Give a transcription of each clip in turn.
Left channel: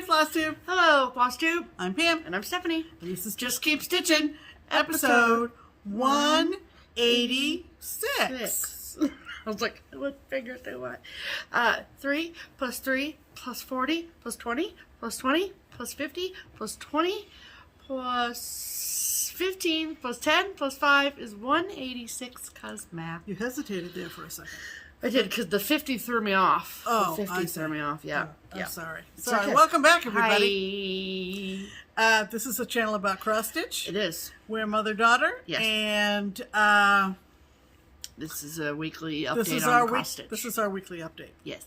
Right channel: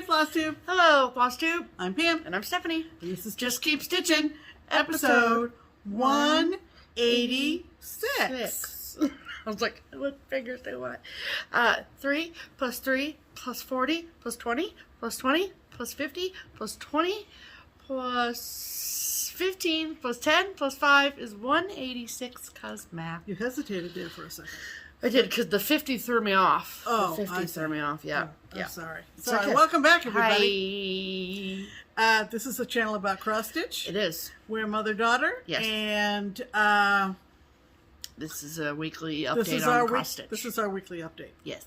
Hi, FlossTube. Hello, FlossTube. I'm Pam. And I'm Stephanie. This is Just Keep Stitching, episode 186. I was like, what figures do what? 3 plus 3 plus 40 plus 20 plus 20 plus 50 plus 20 plus 15 plus 10 plus 5 is 186 cause math. You hesitated there for a second. I did because the 50 threw me off. Oh, the 50 threw me off, yeah. Oh, yeah. I'm sorry. It's Sorry. okay. Welcome back, everybody. Hi. This is a channel about cross-stitch. It is. We're mother-daughter. Yes. And this is a weekly update on cross-stitch. This is our weekly update. Yes.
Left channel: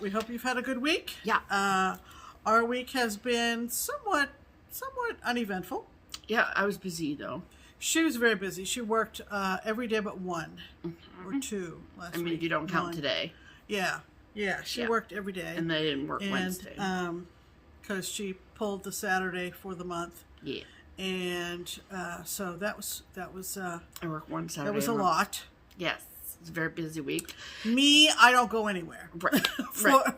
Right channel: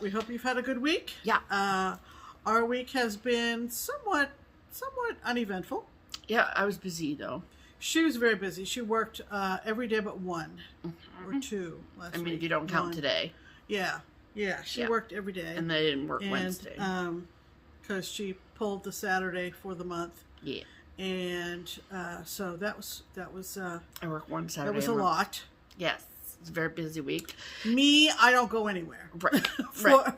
We hope you've had a good week. Yeah. Our week has been somewhat uneventful. Yeah, I was busy though. She was very busy. She worked every day but one or two last week. I mean, if you don't count today. Yeah. Yeah, she worked every day. And they didn't work Wednesday. Because she pulled the Saturday for the month. Yeah. And so that was I work one Saturday. That was a lot. Yes. It's a very busy week. Me, I don't go anywhere. Right.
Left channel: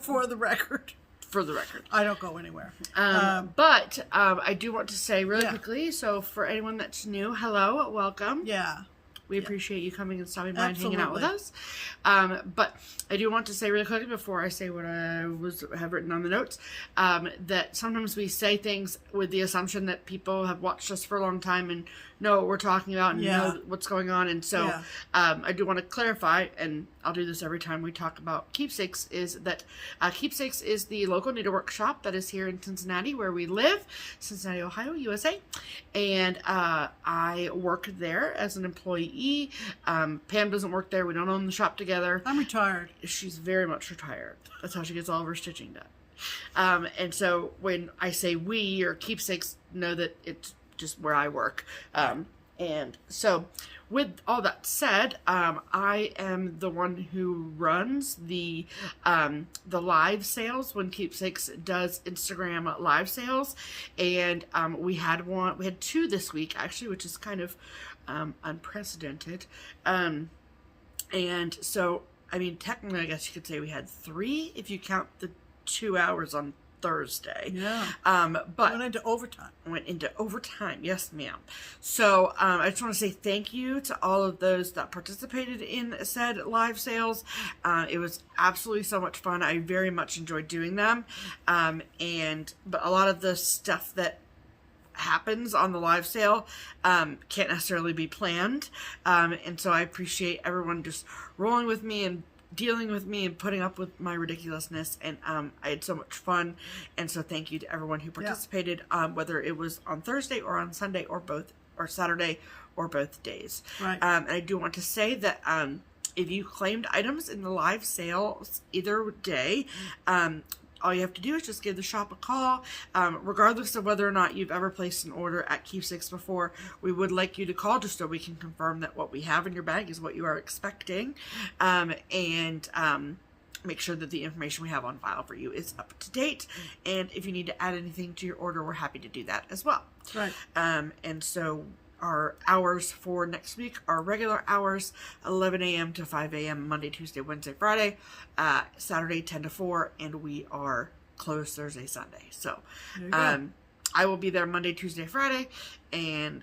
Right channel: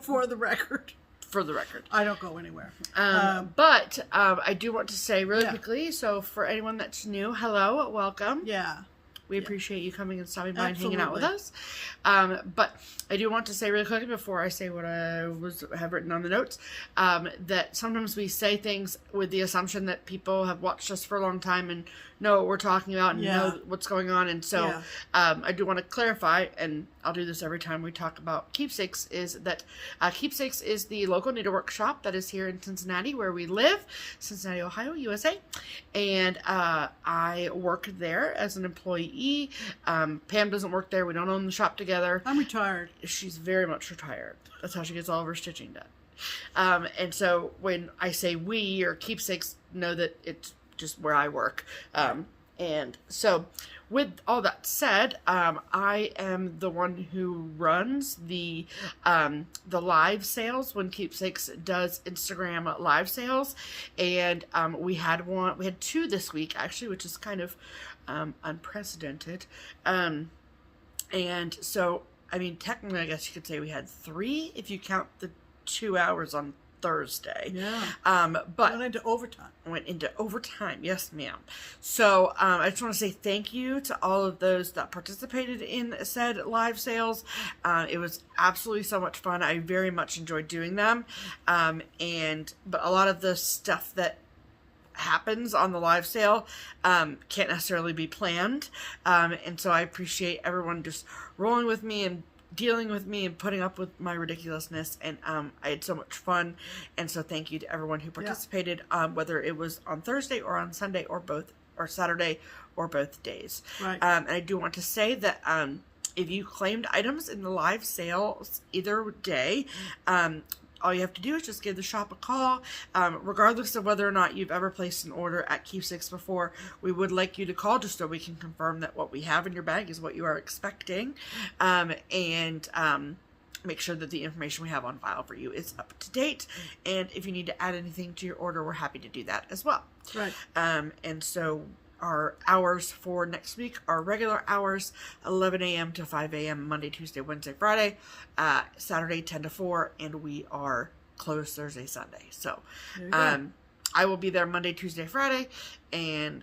For the record. For the record. I don't go anywhere. But I do want to say really quickly, so for anyone that's new, hello, welcome. Yeah. We appreciate you coming and stopping by and hanging out with us. But I do want to say really quickly before I say what I have written on the notes, that sometimes we say things with the assumption that people have watched us for a long time and know what we're talking about and know what's going on. And so I do want to clarify, and I'll do this every time we talk about Keepsakes, is that Keepsakes is the local needlework shop that is here in Cincinnati where we live, Cincinnati, Ohio, USA. And I work there as an employee. Pam doesn't work there. We don't own the shop together. I'm retired. She's very much retired. That's how she gets all of her stitching done. And so when I say we or Keepsakes, know that it's just where I work. And so with all that said, I am the one who runs the live sales when Keepsakes does Instagram live sales. And we had two this week actually, which is kind of unprecedented. And so, I mean, technically, I guess you could say we had 3 if you count the 2 hours on Thursday. Yeah. But went into overtime. Yes, ma'am. So I just want to say thank you to all of those that participated in said live sales. It was absolutely so much fun. I very much enjoyed doing them. But a lot of the stuff that happens on the live sale can't necessarily be planned. And so I appreciate everyone just rolling with me and dealing with me and putting up with my ridiculousness, and I had so much fun, and so thank you to everyone who participated, whether it was on Thursday or on Sunday or both, or Saturday or both days. Right. And I do want to say that if you claimed items in the live sales either day, all you have to do is just give the shop a call. Regardless of whether or not you've ever placed an order at Keepsakes before, we would like you to call just so we can confirm that what we have in your bag is what you are expecting. And make sure that the information we have on file for you is up to date. And if you need to add anything to your order, we're happy to do that as well. Right. And so our hours for next week are regular hours, 11 a.m. to 5 a.m. Monday, Tuesday, Wednesday, Friday, Saturday 10 to 4, and we are closed Thursday, Sunday. So I will be there Monday, Tuesday, Friday, and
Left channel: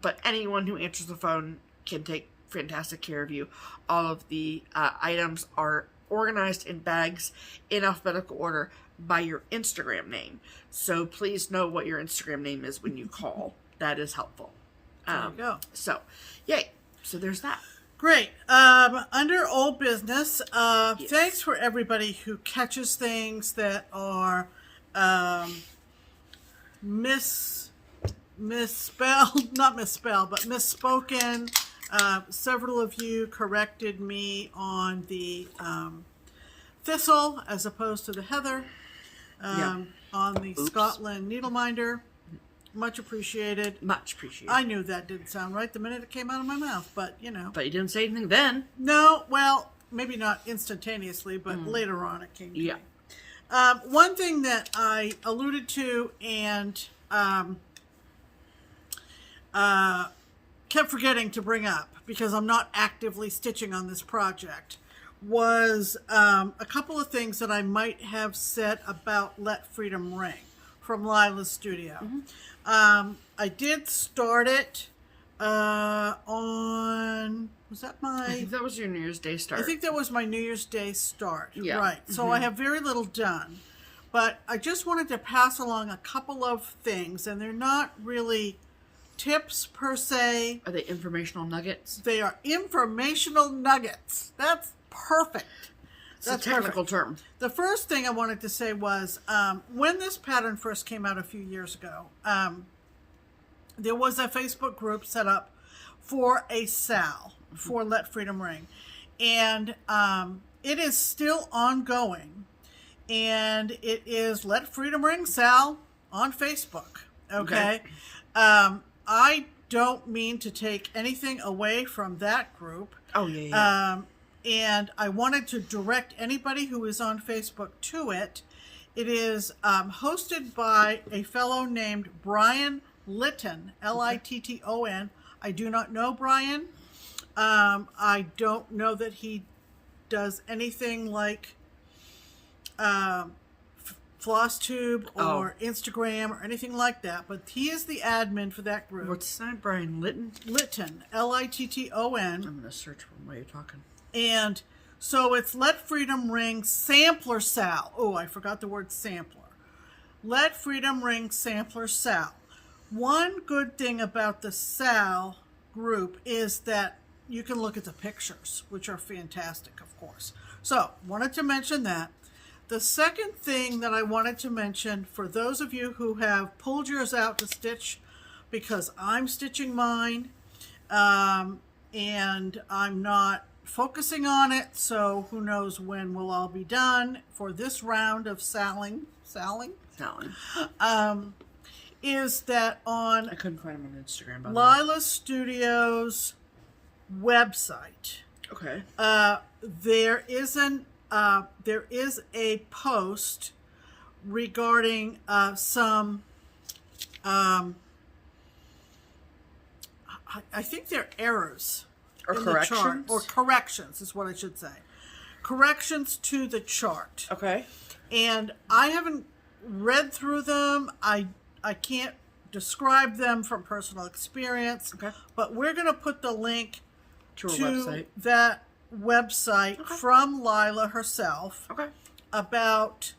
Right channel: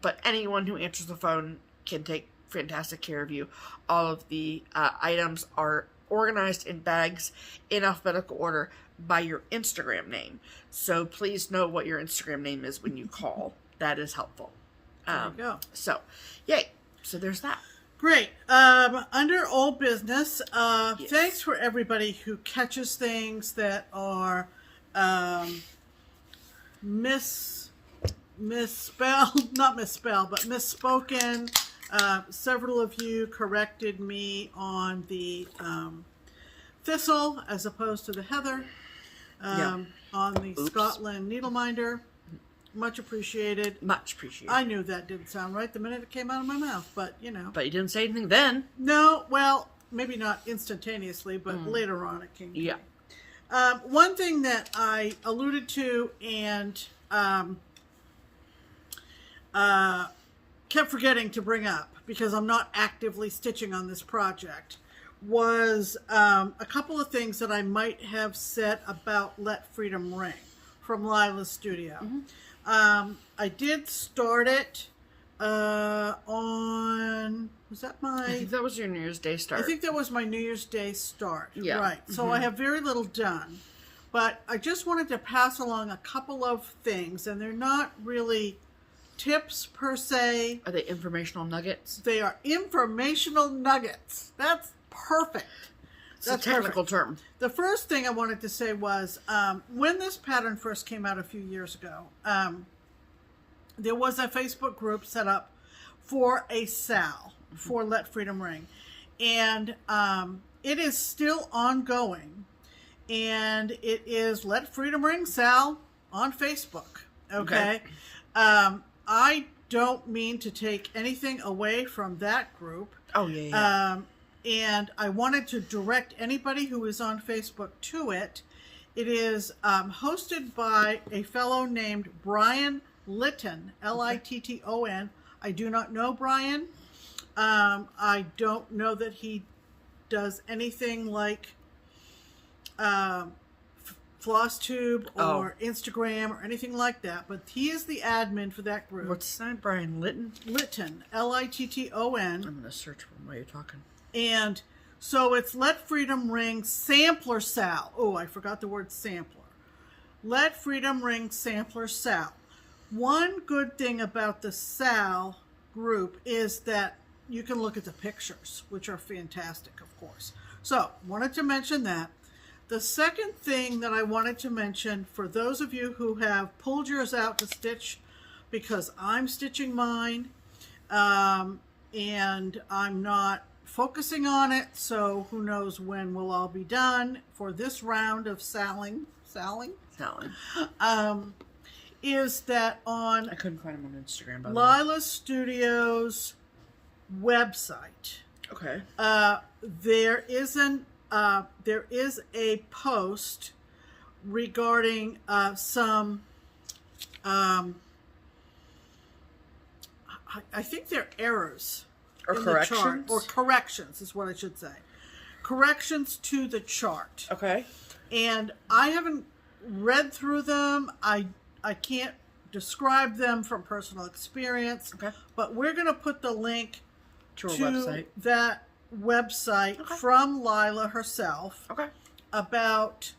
but anyone who answers the phone can take fantastic care of you. All of the items are organized in bags in alphabetical order by your Instagram name. So please know what your Instagram name is when you call. That is helpful. There you go. So, yay. So there's that. Great. Under old business, thanks for everybody who catches things that are misspelled, not misspelled, but misspoken. Several of you corrected me on the thistle as opposed to the heather on the Scotland needleminder. Much appreciated. Much appreciated. I knew that didn't sound right the minute it came out of my mouth, but you know. But you didn't say anything then. No, well, maybe not instantaneously, but later on it came to me. Yeah. One thing that I alluded to and kept forgetting to bring up because I'm not actively stitching on this project was a couple of things that I might have said about Let Freedom Ring from Lila's studio. I did start it on, was that I think that was your New Year's Day start. I think that was my New Year's Day start. Yeah. Right. So I have very little done. But I just wanted to pass along a couple of things, and they're not really tips per se. Are they informational nuggets? They are informational nuggets. That's perfect. It's a technical term. The first thing I wanted to say was when this pattern first came out a few years ago, there was a Facebook group set up for a SAL, for Let Freedom Ring. And it is still ongoing. And it is Let Freedom Ring SAL on Facebook. Okay. I don't mean to take anything away from that group. Oh, yeah. And I wanted to direct anybody who is on Facebook to it. It is hosted by a fellow named Brian Litton, Litton. I do not know Brian. I don't know that he does anything like FlossTube or Instagram or anything like that, but he is the admin for that group. What's his name? Brian Litton? Litton, Litton. I'm going to search for him while you're talking. And so it's Let Freedom Ring Sampler SAL. Oh, I forgot the word sampler. Let Freedom Ring Sampler SAL. One good thing about the SAL group is that you can look at the pictures, which are fantastic, of course. So, wanted to mention that. The second thing that I wanted to mention, for those of you who have pulled yours out to stitch, because I'm stitching mine, and I'm not focusing on it, so who knows when we'll all be done for this round of saling, is that on I couldn't find him on Instagram, by the way. Lila Studios website. Okay. There is a post regarding some I think they're errors or in corrections, the chart, or corrections is what I should say. Corrections to the chart. Okay. And I haven't read through them. I can't describe them from personal experience. Okay. But we're going to put the link to website. That website from Lila herself about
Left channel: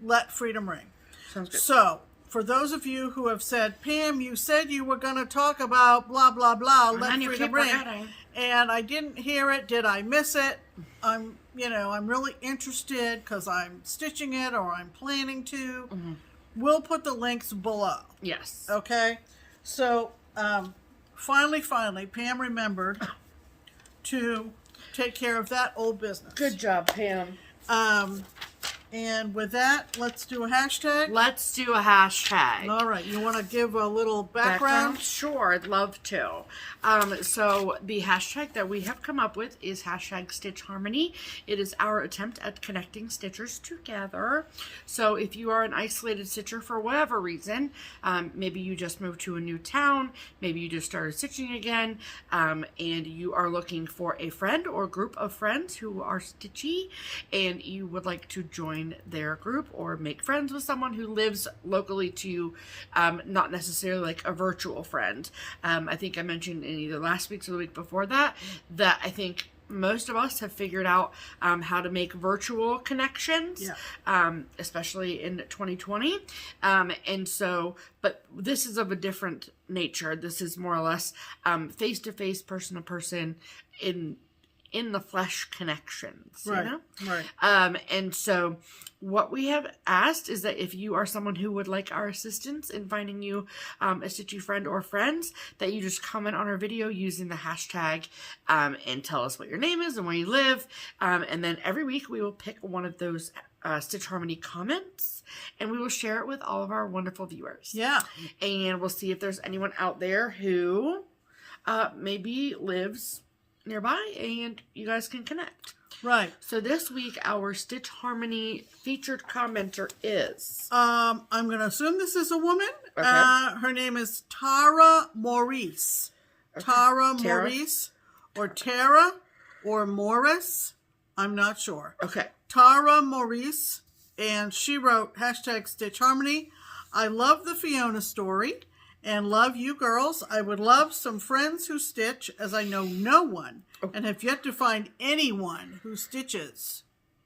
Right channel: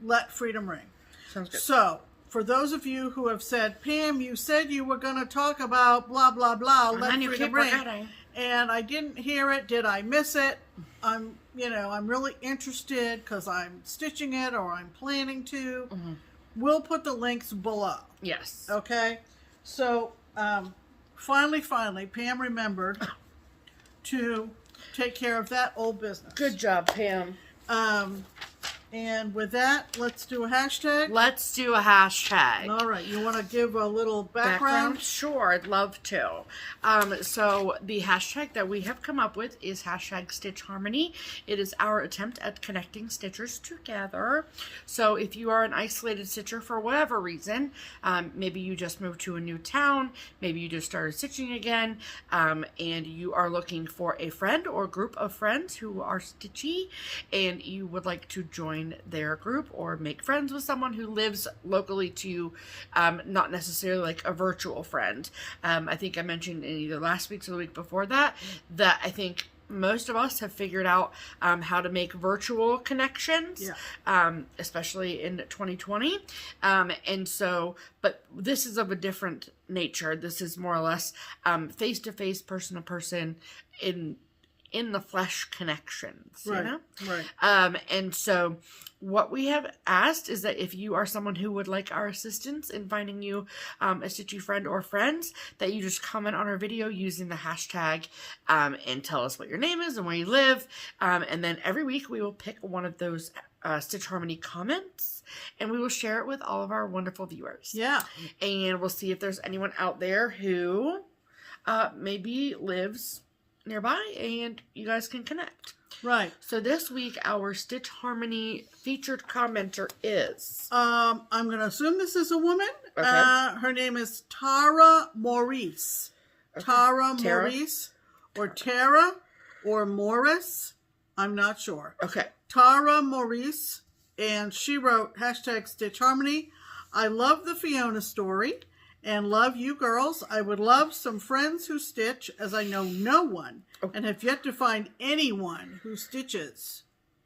Let Freedom Ring. Sounds good. So, for those of you who have said, Pam, you said you were going to talk about blah, blah, blah, Let Freedom Ring, and I didn't hear it. Did I miss it? I'm really interested because I'm stitching it or I'm planning to. We'll put the links below. Yes. Okay? So, finally, Pam remembered to take care of that old business. Good job, Pam. And with that, let's do a hashtag. Let's do a hashtag. All right. You want to give a little background? Sure, I'd love to. So the hashtag that we have come up with is hashtag Stitch Harmony. It is our attempt at connecting stitchers together. So if you are an isolated stitcher for whatever reason, maybe you just moved to a new town, maybe you just started stitching again, and you are looking for a friend or group of friends who are stitchy, and you would like to join their group or make friends with someone who lives locally to you, not necessarily like a virtual friend. I think I mentioned in either last week's or the week before that I think most of us have figured out how to make virtual connections, especially in 2020. And so, but this is of a different nature. This is more or less face-to-face, person-to-person in the flesh connections, you know? Right. And so what we have asked is that if you are someone who would like our assistance in finding you a stitchy friend or friends, that you just comment on our video using the hashtag and tell us what your name is and where you live. And then every week we will pick one of those Stitch Harmony comments and we will share it with all of our wonderful viewers. Yeah. And we'll see if there's anyone out there who maybe lives nearby and you guys can connect. Right. So this week our Stitch Harmony featured commenter is I'm going to assume this is a woman. Okay. Her name is Tara Maurice. Okay. Tara Maurice or Tara or Morris. I'm not sure. Okay. Tara Maurice, and she wrote #StitchHarmony. I love the Fiona story and love you girls. I would love some friends who stitch, as I know no one and have yet to find anyone who stitches.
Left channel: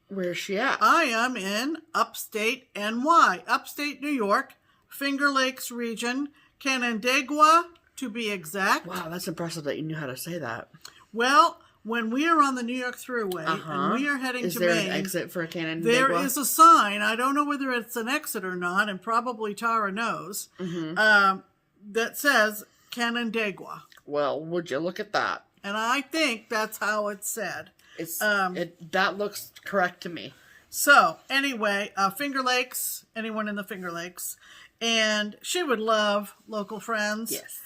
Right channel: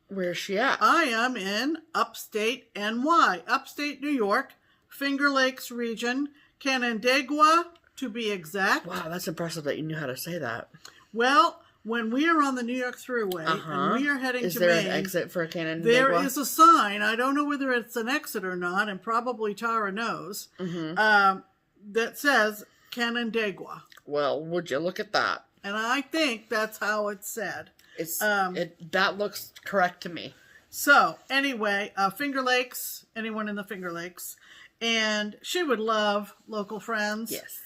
Where's she at? I am in upstate NY, upstate New York, Finger Lakes region, Canandaigua to be exact. Wow, that's impressive that you knew how to say that. Well, when we are on the New York Thruway and we are heading is to there Maine, an exit for Canandaigua? there is a sign. I don't know whether it's an exit or not, and probably Tara knows, that says Canandaigua. Well, would you look at that? And I think that's how it's said. It's that looks correct to me. So, anyway, Finger Lakes, anyone in the Finger Lakes, and she would love local friends. Yes.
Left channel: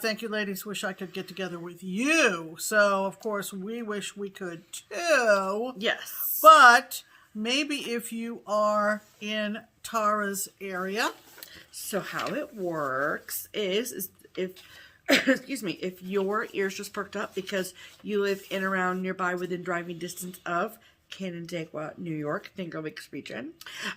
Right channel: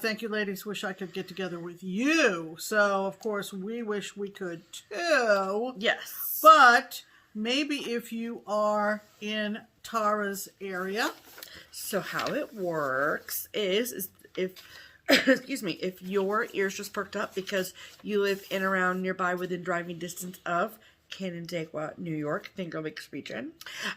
Thank you, ladies. Wish I could get together with you. So, of course, we wish we could too. Yes. But maybe if you are in Tara's area. So how it works is if, excuse me, if your ears just perked up because you live in, around, nearby, within driving distance of Canandaigua, New York, Finger Lakes region,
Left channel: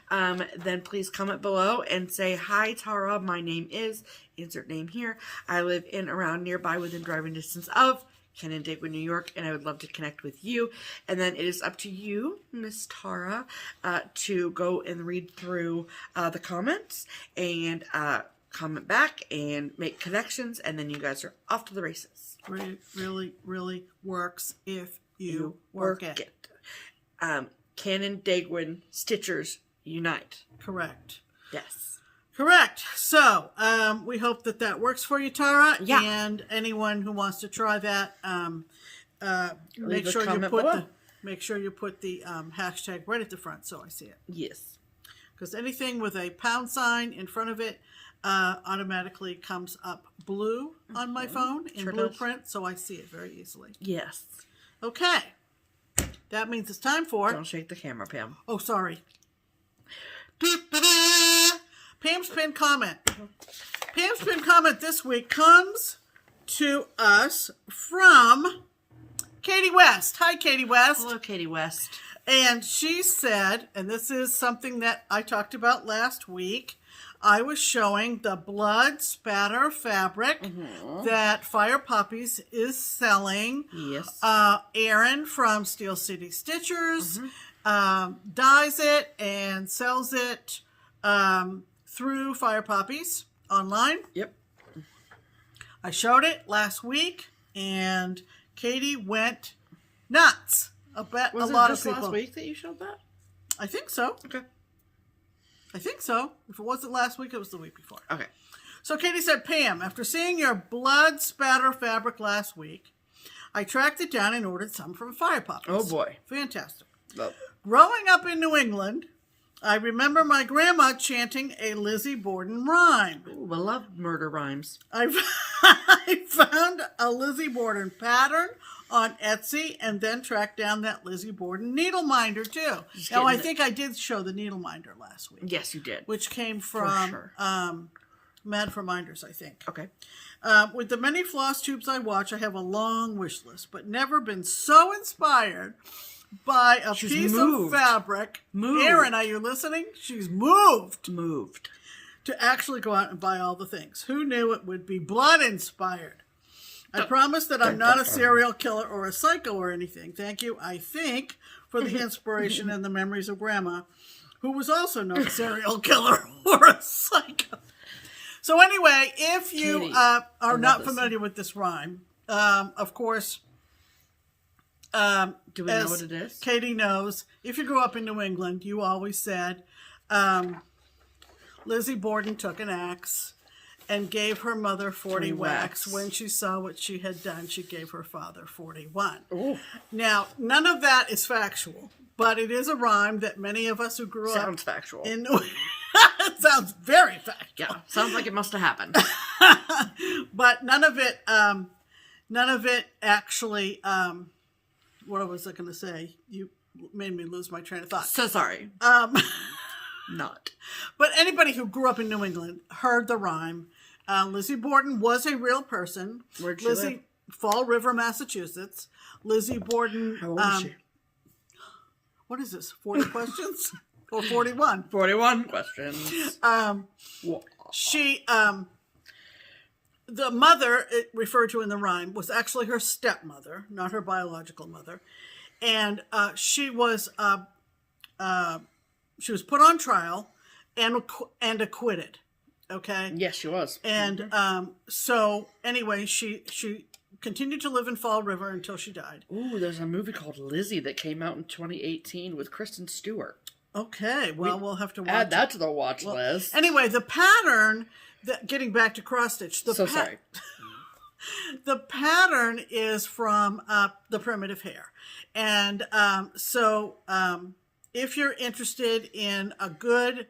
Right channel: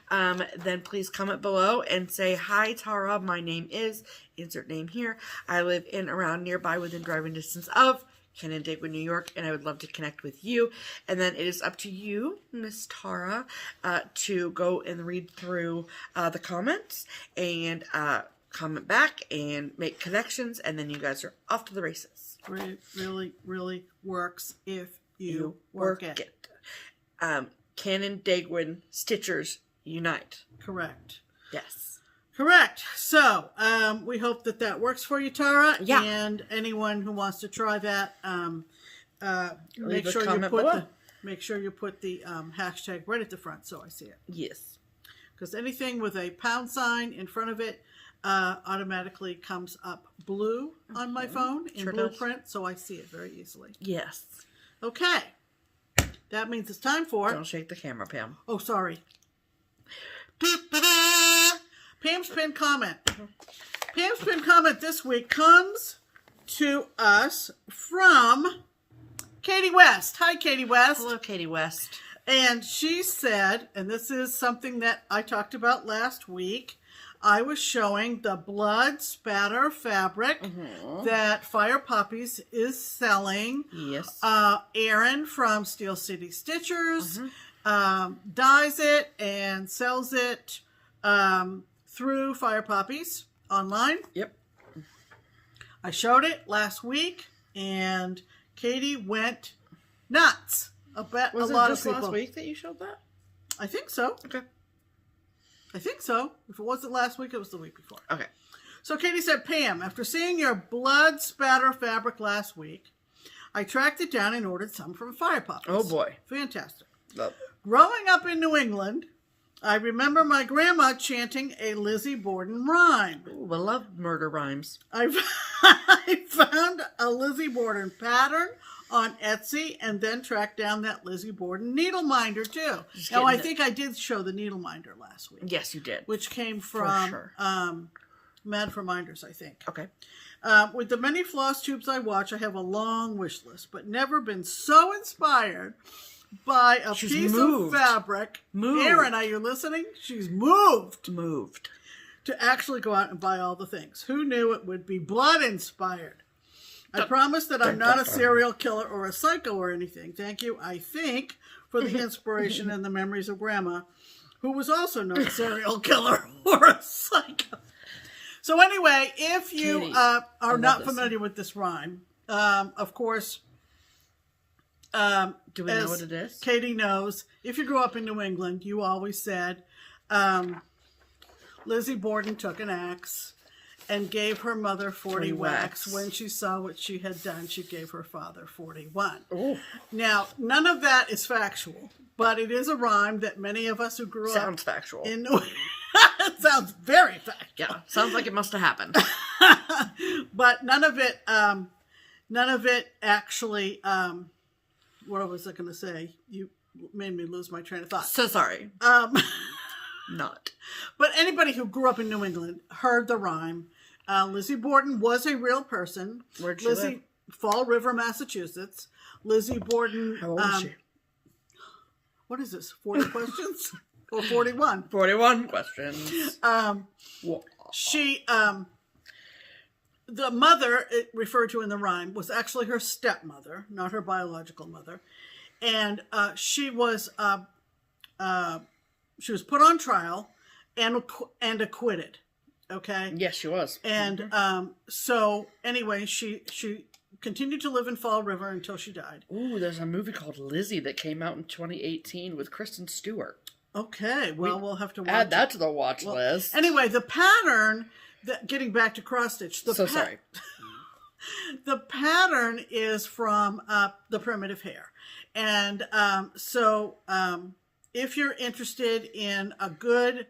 then please comment below and say, hi, Tara, my name is, insert name here. I live in, around, nearby, within driving distance of Canandaigua, New York, and I would love to connect with you. And then it is up to you, Miss Tara, to go and read through the comments and comment back and make connections, and then you guys are off to the races. It really, really works if you work it. Canandaiguan Stitchers unite. Correct. Yes. Correct. So, we hope that that works for you, Tara. Yeah. And anyone who wants make Leave a sure you comment put below. make sure you put the hashtag right at the front so I see it. Yes. Because anything with a pound sign in front of it automatically comes up blue on my phone in blueprint, so I see it very easily. Yes. Okay. That means it's time for... Don't shake the camera, Pam. Oh, sorry. Pam's pinned comment. Pam's pinned comment this week comes to us from Katie West. Hi, Katie West. Hello, Katie West. And she said, and this is something that I talked about last week, I was showing the blood spatter fabric that Fire Puppies is selling. Yes. Erin from Steel City Stitchers dyes it and sells it through Fire Puppies online. Yep. I showed it last week, and Katie went nuts. I bet Was a lot it of just people. last week that you showed that? I think so. Okay. I think so. If it wasn't last week, it was the week before. Okay. So Katie said, Pam, after seeing your blood spatter fabric last week, I tracked it down and ordered some from Fire Puppies. Oh, boy. Fantastic. Love. Growing up in New England, I remember my grandma chanting a Lizzie Borden rhyme. Ooh, I love murder rhymes. I found a Lizzie Borden pattern on Etsy and then tracked down that Lizzie Borden needle minder too. Now I think I did show the needle minder last week. Yes, you did. Which came from sure. Mad for Minders, I think. Okay. With the many floss tubes I watch, I have a long wish list, but never been so inspired by a piece of fabric. Erin, are you listening? She's moved to actually go out and buy all the things. Who knew it would be blood inspired? I promise that I'm not a serial killer or a psycho or anything. Thank you, I think, for the inspiration and the memories of Grandma, who was also not a serial killer or a psycho. So anyway, if you Katie, are not familiar with this rhyme, of course... do we know what it is? Katie knows. If you grew up in New England, you always said, Lizzie Borden took an axe and gave her mother 40 whacks. When she saw what she had done, she gave her father 41. Ooh. Now, none of that is factual, but it is a rhyme that many of us who grew up... Sounds factual. It sounds very factual. Yeah, sounds like it must have happened. But none of it actually... what was I going to say? You made me lose my train of thought. So sorry. Not. But anybody who grew up in New England heard the rhyme. Lizzie Borden was a real person. Where'd she live? Fall River, Massachusetts. Lizzie Borden... How old is she? what is this, 40 questions? Or 41? 41 questions. She, the mother it referred to in the rhyme was actually her stepmother, not her biological mother. And she was put on trial and acquitted. Okay. Yes, she was. And so anyway, she continued to live in Fall River until she died. Ooh, there's a movie called Lizzie that came out in 2018 with Kristen Stewart. Okay, well, we'll have to watch add that to the watch list. Anyway, the pattern, getting back to cross stitch. Sorry. The pattern is from the primitive hair. And if you're interested in a good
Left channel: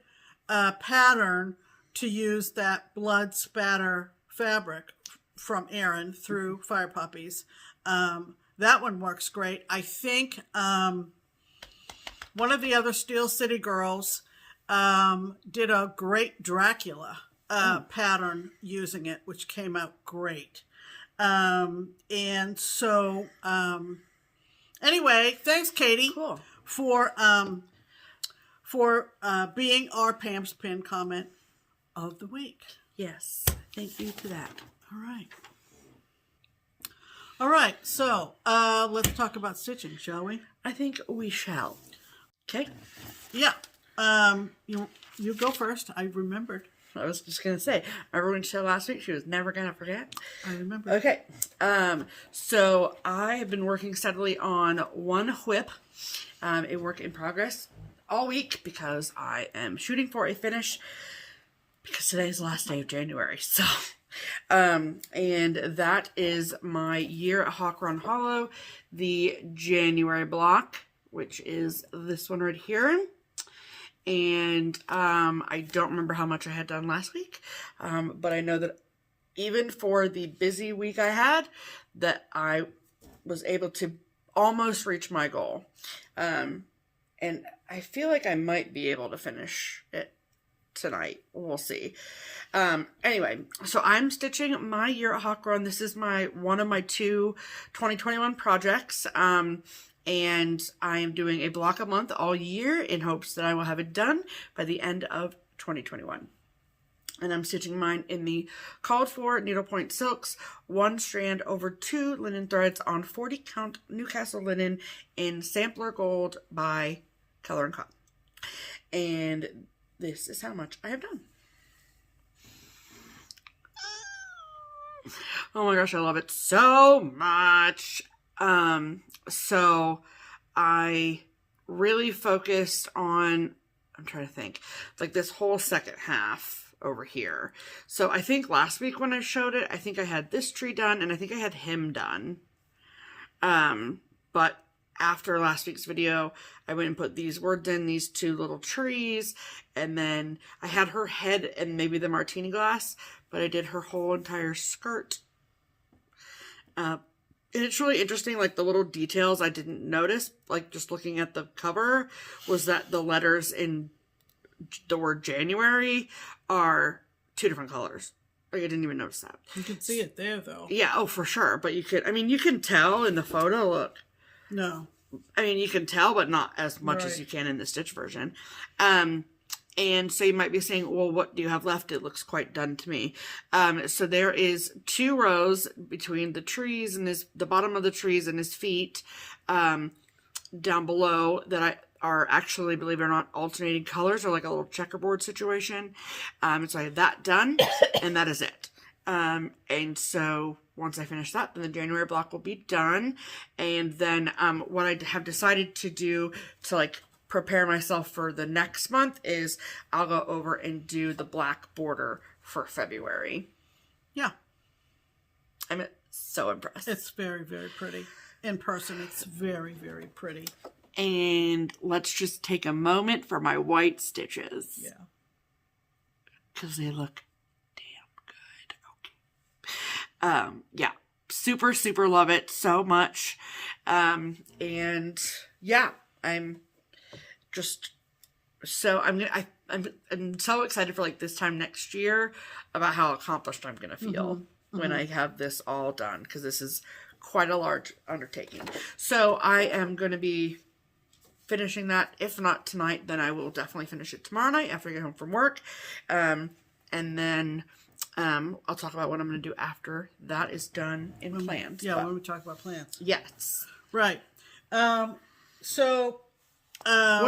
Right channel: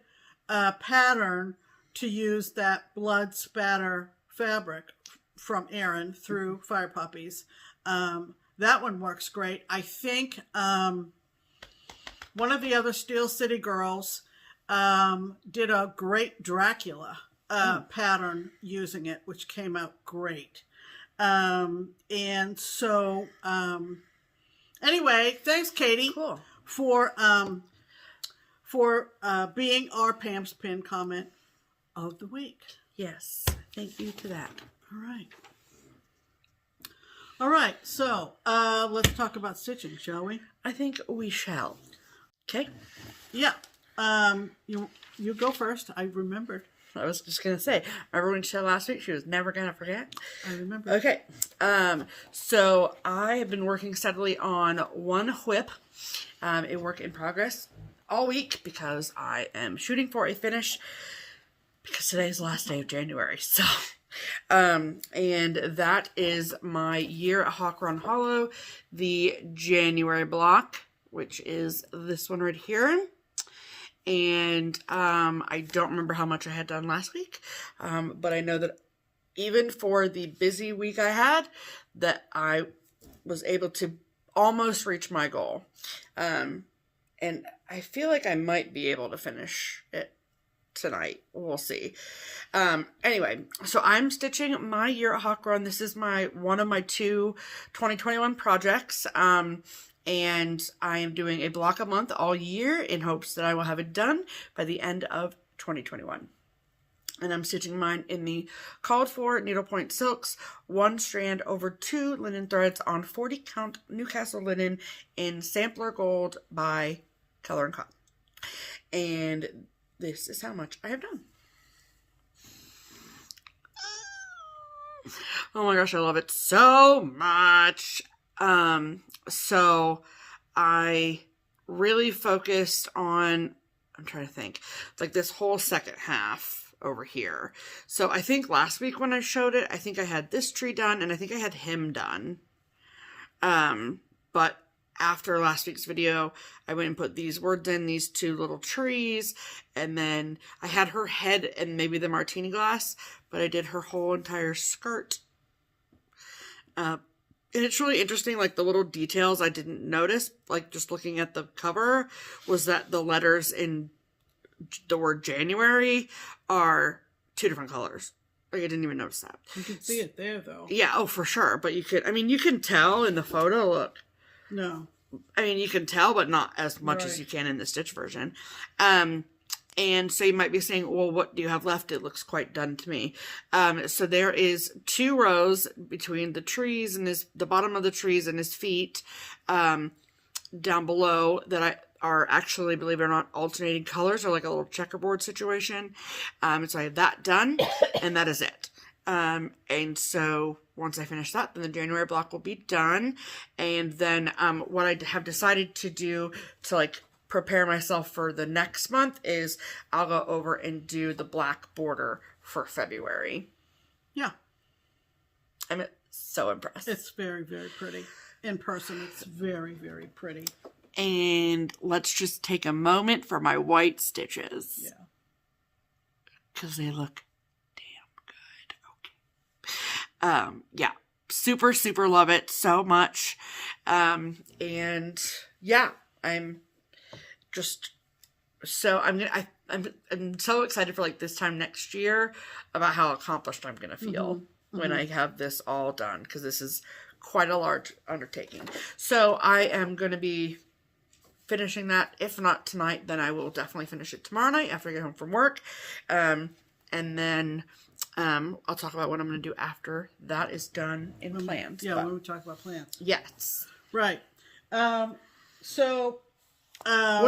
pattern to use that blood spatter fabric from Erin through Fire Puppies, that one works great. I think one of the other Steel City girls did a great Dracula pattern using it, which came out great. And so, anyway, thanks, Katie, for being our Pam's Pin comment of the week. Yes, thank you to that. All right, so let's talk about stitching, shall we? I think we shall. Okay. Yeah. You go first. I remembered. I was just going to say, remember when she said last week she was never going to forget? I remember. Okay. So I have been working steadily on one whip, a work in progress all week because I am shooting for a finish because today is the last day of January. So, and that is my year at Hawk Run Hollow, the January block, which is this one right here. And I don't remember how much I had done last week, but I know that even for the busy week I had, that I was able to almost reach my goal. And I feel like I might be able to finish it tonight. We'll see. Anyway, so I'm stitching my year at Hawk Run. This is one of my two 2021 projects. And I am doing a block a month all year in hopes that I will have it done by the end of 2021. And I'm stitching mine in the called for needlepoint silks, 1 strand over 2 linen threads on 40 count Newcastle linen in Sampler Gold by Color and Cotton. And this is how much I have done. Oh my gosh, I love it so much. So I really focused on, I'm trying to think, like this whole second half over here. So I think last week when I showed it, I think I had this tree done and I think I had him done. But after last week's video, I went and put these words in, these 2 little trees, and then I had her head and maybe the martini glass, but I did her whole entire skirt. And it's really interesting, like the little details I didn't notice, like just looking at the cover, was that the letters in the word January are 2 different colors. Like I didn't even notice that. You can see it there, though. Yeah, oh, for sure. But you could, I mean, you can tell in the photo, look. No. I mean, you can tell, but not as much as you can in the stitch version. And so you might be saying, well, what do you have left? It looks quite done to me. So there is 2 rows between the trees and the bottom of the trees and his feet, down below that are actually, believe it or not, alternating colors or like a little checkerboard situation. So I have that done and that is it. And so once I finish that, then the January block will be done. And then, what I have decided to do to like prepare myself for the next month is I'll go over and do the black border for February. Yeah. I'm so impressed. It's very, very pretty. In person, it's very, very pretty. And let's just take a moment for my white stitches. Yeah. Because they look damn good. Okay. Yeah. Super, super love it so much. And yeah, I'm just so I'm so excited for like this time next year about how accomplished I'm gonna feel when I have this all done, because this is quite a large undertaking. So I am gonna be finishing that. If not tonight, then I will definitely finish it tomorrow night after I get home from work. And then I'll talk about what I'm going to do after that is done in plans. Yeah, when we talk about plans. Yes. Right. What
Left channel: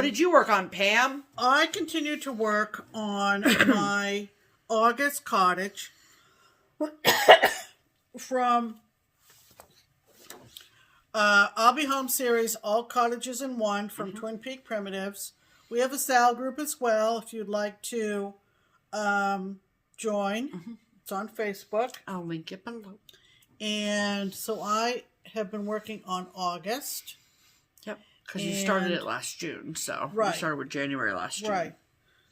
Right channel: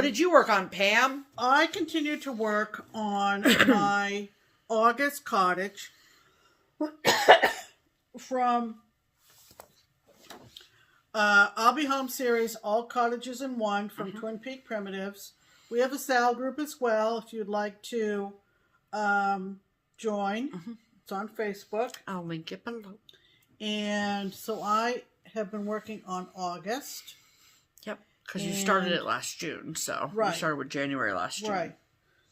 did you work on, Pam? I continue to work on my August cottage from I'll Be Home series, All Cottages in One from Twin Peak Primitives. We have a SAL group as well if you'd like to join. It's on Facebook. I'll link it below. And so I have been working on August. Yep, because you started it last June, so you started with January last June. Right.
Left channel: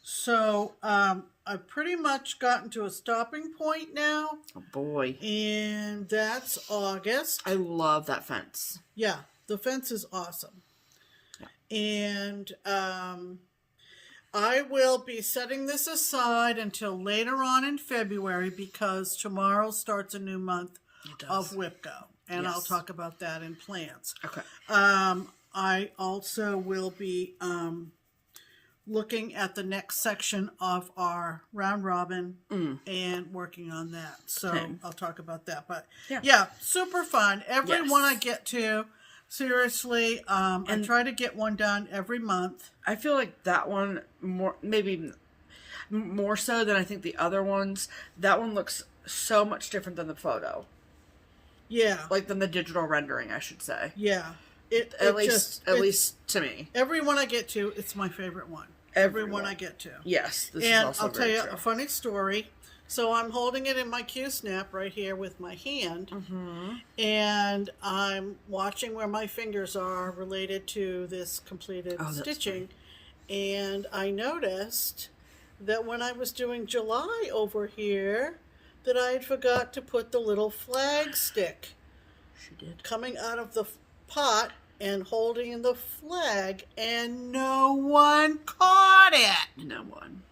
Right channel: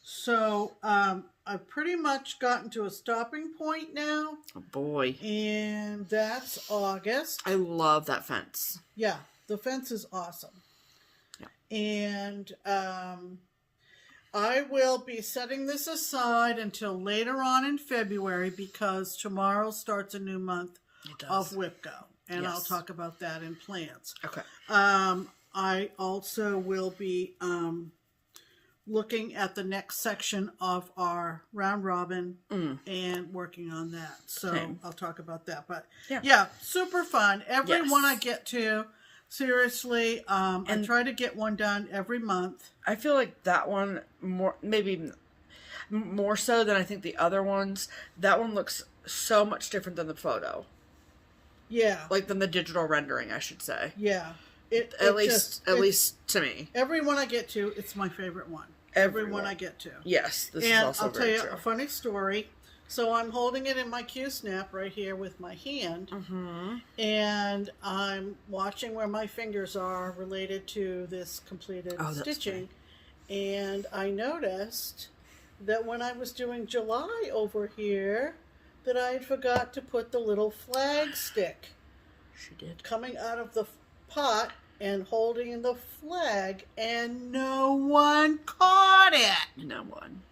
So I've pretty much gotten to a stopping point now. Oh boy. And that's August. I love that fence. Yeah, the fence is awesome. Yeah. And I will be setting this aside until later on in February because tomorrow starts a new month of WIPGO. And I'll talk about that in plans. Okay. I also will be looking at the next section of our round robin and working on that. So I'll talk about that. But yeah super fun. Every one I get to, seriously, I try to get one done every month. I feel like that one maybe more so than I think the other ones. That one looks so much different than the photo. Yeah. Like than the digital rendering, I should say. Yeah. At least to me. Every one I get to, it's my favorite one. Every one I get to. Yes, this is also very true. And I'll tell you a funny story. So I'm holding it in my Q-snap right here with my hand. And I'm watching where my fingers are related to this completed stitching. And I noticed that when I was doing July over here, that I had forgot to put the little flag stick. She did. Coming out of the pot and holding the flag, and no one caught it. No one.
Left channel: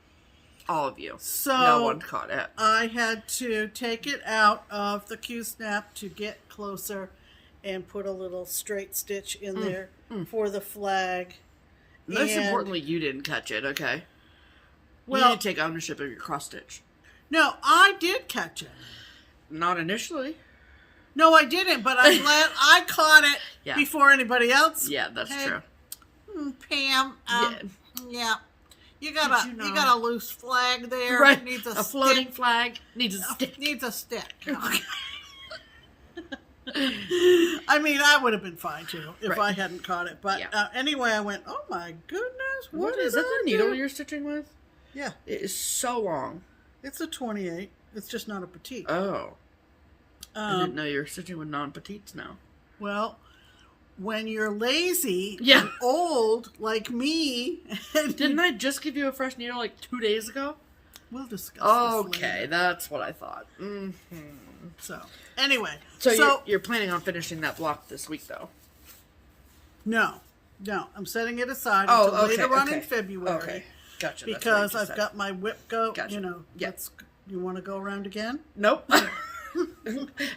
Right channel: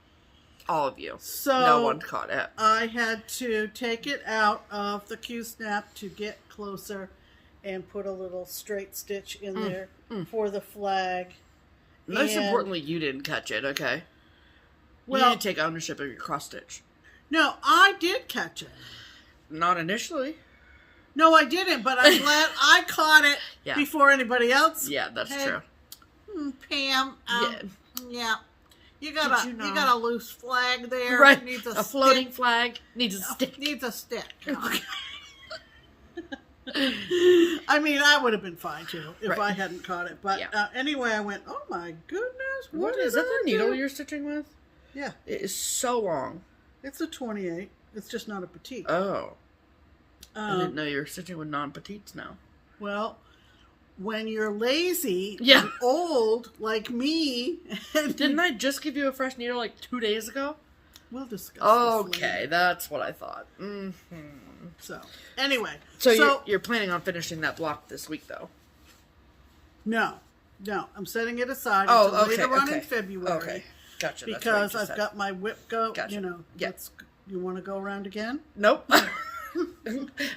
All of you. So no one caught it. I had to take it out of the Q-snap to get closer and put a little straight stitch in there for the flag. Most importantly, you didn't catch it, okay? Well, you didn't take ownership of your cross stitch. No, I did catch it. Not initially. No, I didn't, but I'm glad I caught it before anybody else. Yeah, that's true. Pam, you got a loose flag there. Right, it needs a floating flag needs a stick. Needs a stick. I mean, I would have been fine too if I hadn't caught it. But anyway, I went, oh my goodness, what is that? The needle you're stitching with? Yeah, it is so long. It's a 28. It's just not a petite. Oh. I didn't know you were stitching with non-petites now. Well, when you're lazy and old like me... Didn't I just give you a fresh needle like 2 days ago? We'll discuss this later. That's what I thought. So, anyway. So you're planning on finishing that block this week, though? No. I'm setting it aside until later on in February. Okay. Gotcha. Because I've got my WIPGO, you want to go around again? Nope. I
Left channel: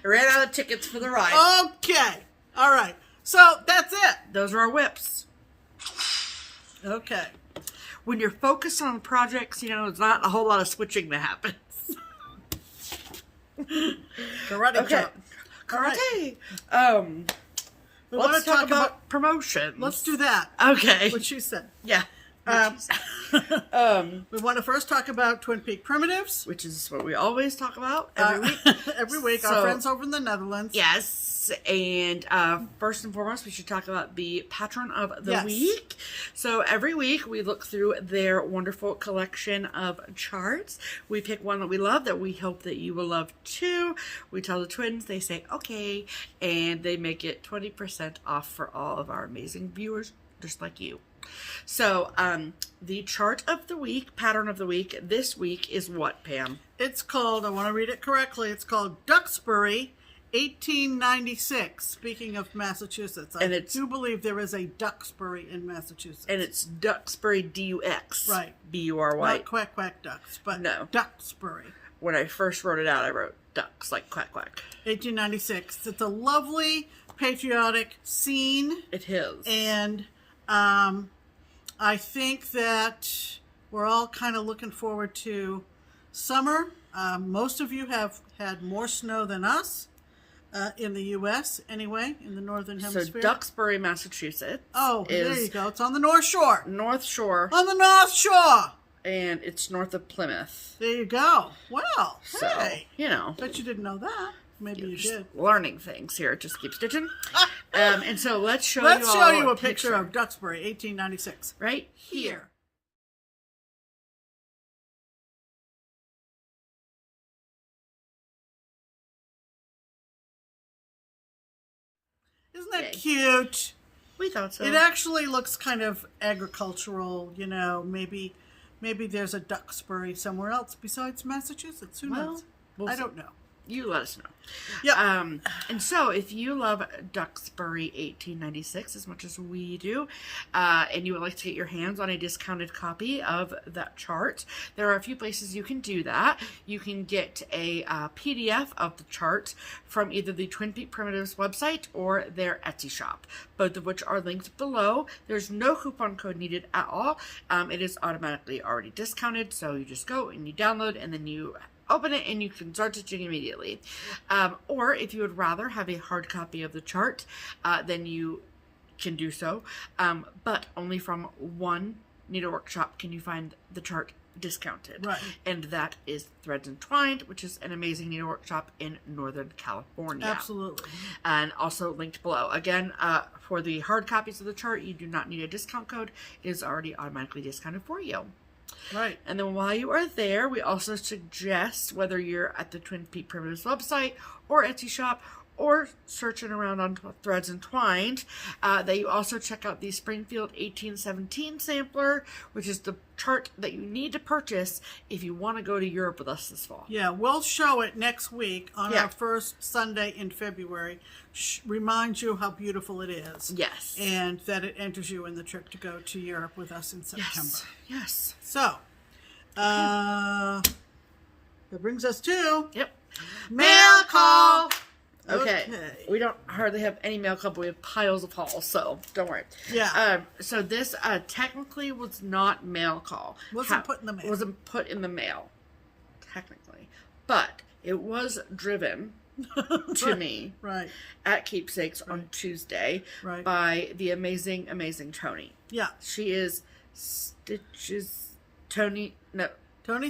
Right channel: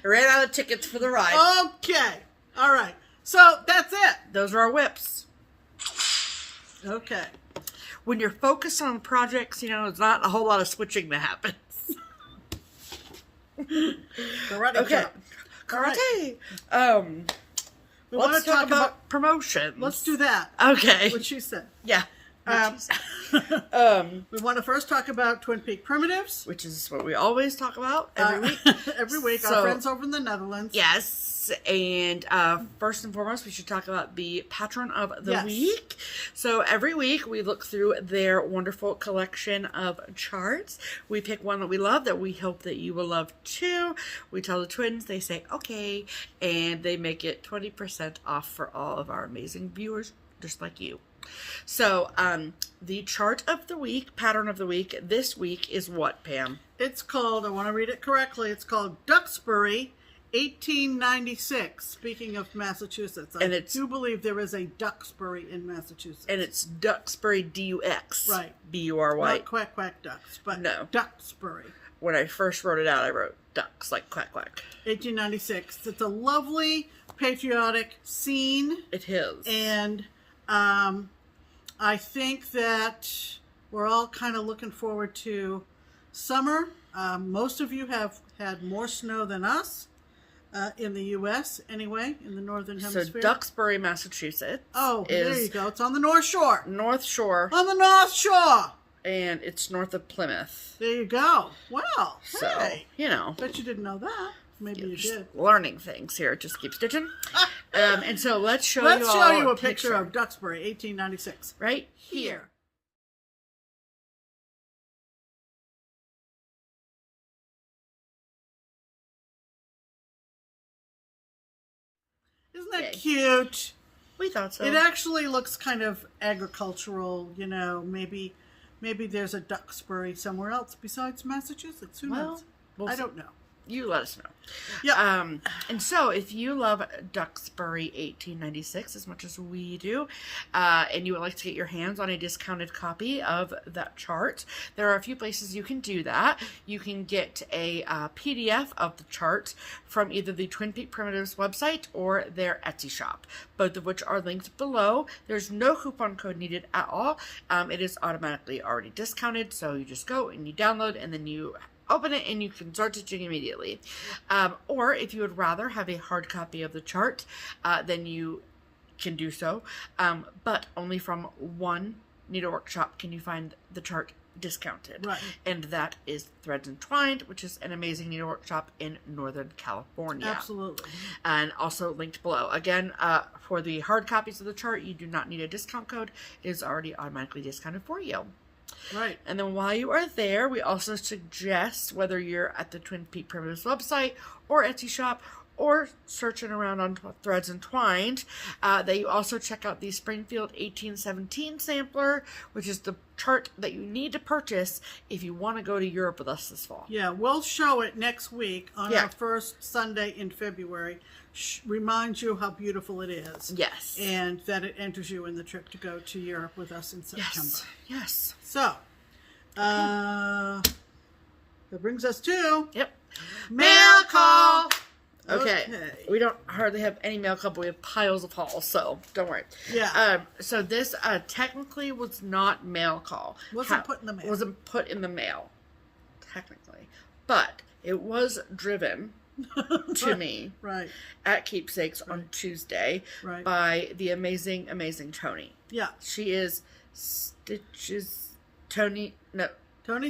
ran out of tickets for the ride. Okay. All right. So that's it. Those are our whips. Okay. When you're focused on projects, there's not a whole lot of switching that happens. Karate chop. Karate. Let's talk about promotions. Let's do that. Okay. What she said. Yeah. We want to first talk about Twin Peak Primitives, which is what we always talk about every week. Every week, our friends over in the Netherlands. Yes, and first and foremost, we should talk about the patron of the week. So every week, we look through their wonderful collection of charts. We pick one that we love that we hope that you will love too. We tell the twins, they say okay, and they make it 20% off for all of our amazing viewers, just like you. So, the chart of the week, pattern of the week, this week is what, Pam? It's called, I want to read it correctly, it's called Duxbury 1896, speaking of Massachusetts. I do believe there is a Duxbury in Massachusetts. And it's Duxbury, D-U-X. Right. B-U-R-Y. Not quack, quack, ducks, but no. Duxbury. When I first wrote it out, I wrote ducks, like quack, quack. 1896. It's a lovely, patriotic scene. It is. And I think that we're all kind of looking forward to summer. Most of you have had more snow than us in the U.S. anyway, in the Northern Hemisphere. So Duxbury, Massachusetts. Oh, there you go. It's on the North Shore. North Shore. On the North Shore. And it's north of Plymouth. There you go. Well, so, hey. you know. Bet you didn't know that. Maybe you did. Learning things here at Just Keep Stitching. And so let's show you a picture of Duxbury, 1896. Right here. Isn't that cute? We thought so. It actually looks kind of agricultural, you know, maybe there's a Duxbury somewhere else besides Massachusetts. Who knows? I don't know. You let us know. Yeah. And so if you love Duxbury 1896 as much as we do, and you would like to get your hands on a discounted copy of that chart, there are a few places you can do that. You can get a PDF of the chart from either the Twin Peak Primitives website or their Etsy shop, both of which are linked below. There's no coupon code needed at all. It is automatically already discounted, so you just go and you download and then you open it and you can start stitching immediately. Or if you would rather have a hard copy of the chart, then you can do so. But only from one needlework shop can you find the chart discounted. Right. And that is Threads Entwined, which is an amazing needlework shop in Northern California. Absolutely. And also linked below. Again, for the hard copies of the chart, you do not need a discount code. It is already automatically discounted for you. Right. And then while you are there, we also suggest, whether you're at the Twin Peak Primitives website or Etsy shop or searching around on Threads Entwined, that you also check out the Springfield 1817 sampler, which is the chart that you need to purchase if you want to go to Europe with us this fall. Yeah, we'll show it next week on our first Sunday in February. Remind you how beautiful it is. Yes. And that it enters you in the trip to go to Europe with us in September. Yes. So, that brings us to mail call. Okay. We don't hardly have any mail call, but we have piles of hauls, so don't worry. Yeah. So this technically was not mail call. Wasn't put in the mail. Wasn't put in the mail, technically, but it was driven to me at Keepsakes on Tuesday by the amazing Tony. Yeah. She is Tony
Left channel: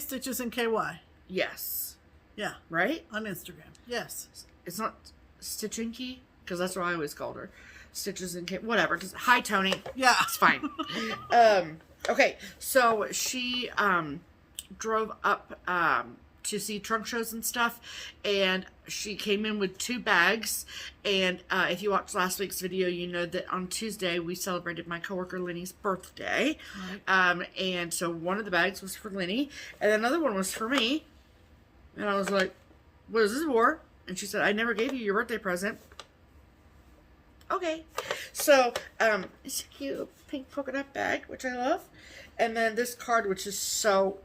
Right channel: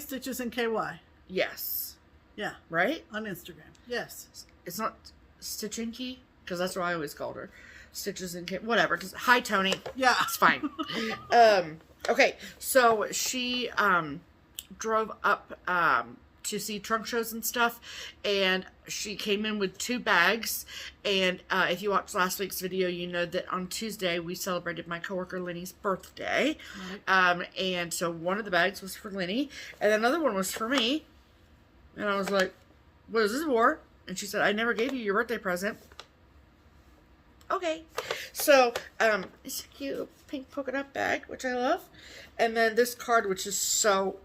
Stitches and KY. Yes. Yeah. Right? On Instagram. Yes. It's not Stitchinky, because that's what I always called her. Stitches and whatever. Because hi, Tony. Yeah. It's fine. Okay. So she drove up to see trunk shows and stuff, and she came in with 2 bags. And if you watched last week's video, you know that on Tuesday we celebrated my coworker Lenny's birthday. Right. And so one of the bags was for Lenny, and another one was for me. And I was like, "What is this for?" And she said, "I never gave you your birthday present." Okay. So, it's a cute pink polka dot bag, which I love. And then this card, which is so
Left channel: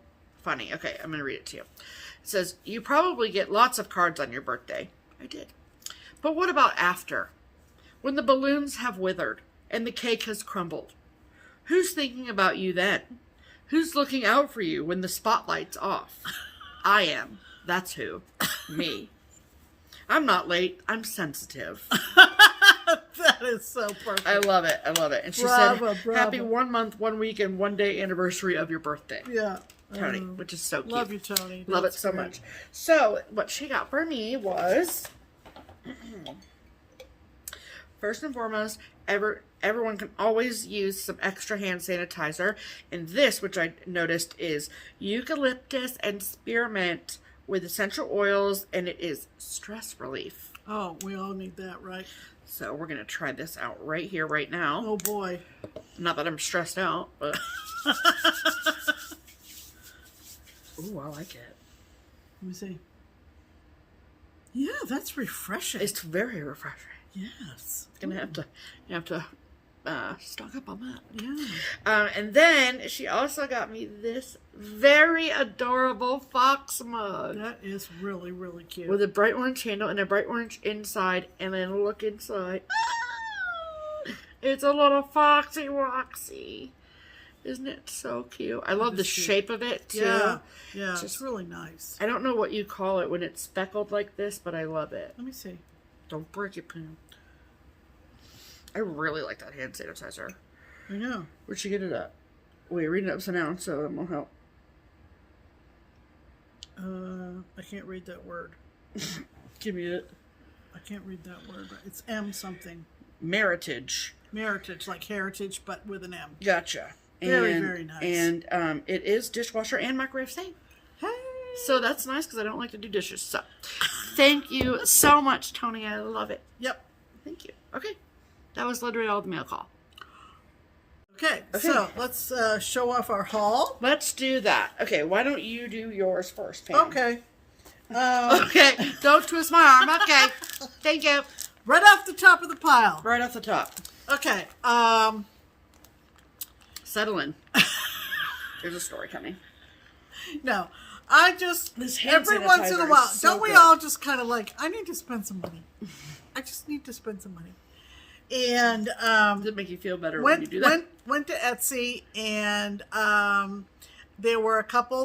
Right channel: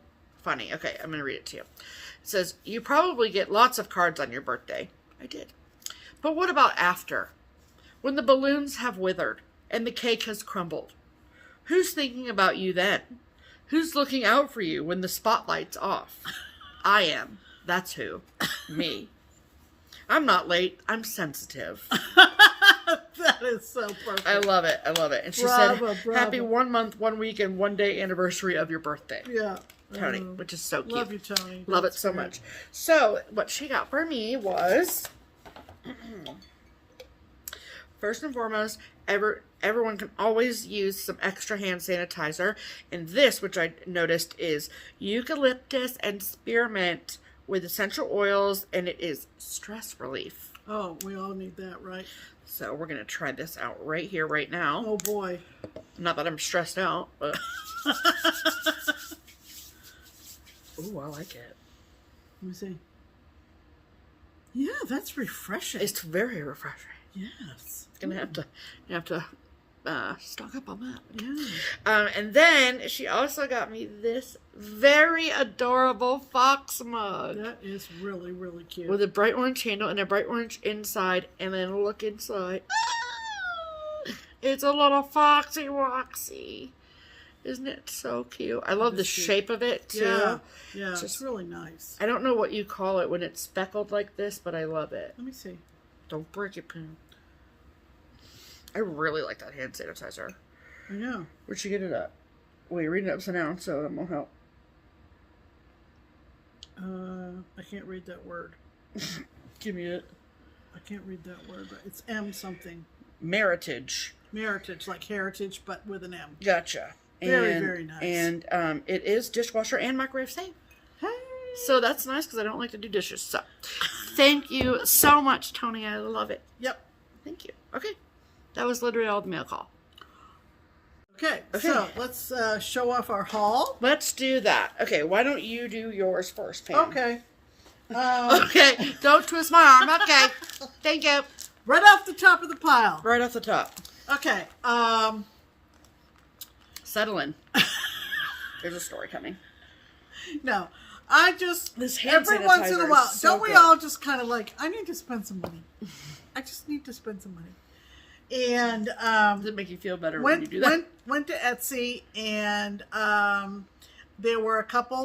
funny. Okay, I'm going to read it to you. It says, "You probably get lots of cards on your birthday." I did. "But what about after? When the balloons have withered and the cake has crumbled? Who's thinking about you then? Who's looking out for you when the spotlight's off? I am. That's who. Me. I'm not late. I'm sensitive." That is so perfect. I love it. I love it. And she said, "Happy 1 month, 1 week, and 1 day anniversary of your birthday." Yeah. Tony, which is so cute. Love you, Tony. Love it so much. So, what she got for me was, first and foremost, everyone can always use some extra hand sanitizer. And this, which I noticed, is eucalyptus and spearmint with essential oils, and it is stress relief. Oh, we all need that, right? So we're going to try this out right here, right now. Oh, boy. Not that I'm stressed out, but... Ooh, I like it. Let me see. Yeah, that's refreshing. It's very refreshing. Yes. Gonna have to stock up on that. Yeah. And then she also got me this very adorable fox mug. That is really, really cute. With a bright orange handle and a bright orange inside, and then look inside. It's a little foxy Roxy. Isn't it so cute? I love the shape of it, too. Yeah, yeah, it's really nice. I don't know what you call it when it's speckled like this, but I love it. Let me see. Don't break it, Pam. I really like that hand sanitizer. I know. Where'd she get it at? Wait, read it upside down, so that won't help. I can't read that word. Give me it. I can't read that word. It's M something. Meritage. Meritage, like heritage, but with an M. Gotcha. Very, very nice. And it is dishwasher and microwave safe. Hey. So that's nice because I don't like to do dishes. So thank you so much, Tony. I love it. Yep. Thank you. Okay. That was literally all the mail call. Okay, so let's show off our haul. Let's do that. Okay, why don't you do yours first, Pam? Okay. Okay, don't twist my arm. Okay, thank you. Right off the top of the pile. Right off the top. Okay. Settle in. There's a story coming. No, I just every once in a while, don't we all just kind of like, I need to spend some money. I just need to spend some money. And does it make you feel better when you do that? Went to Etsy, and there were a couple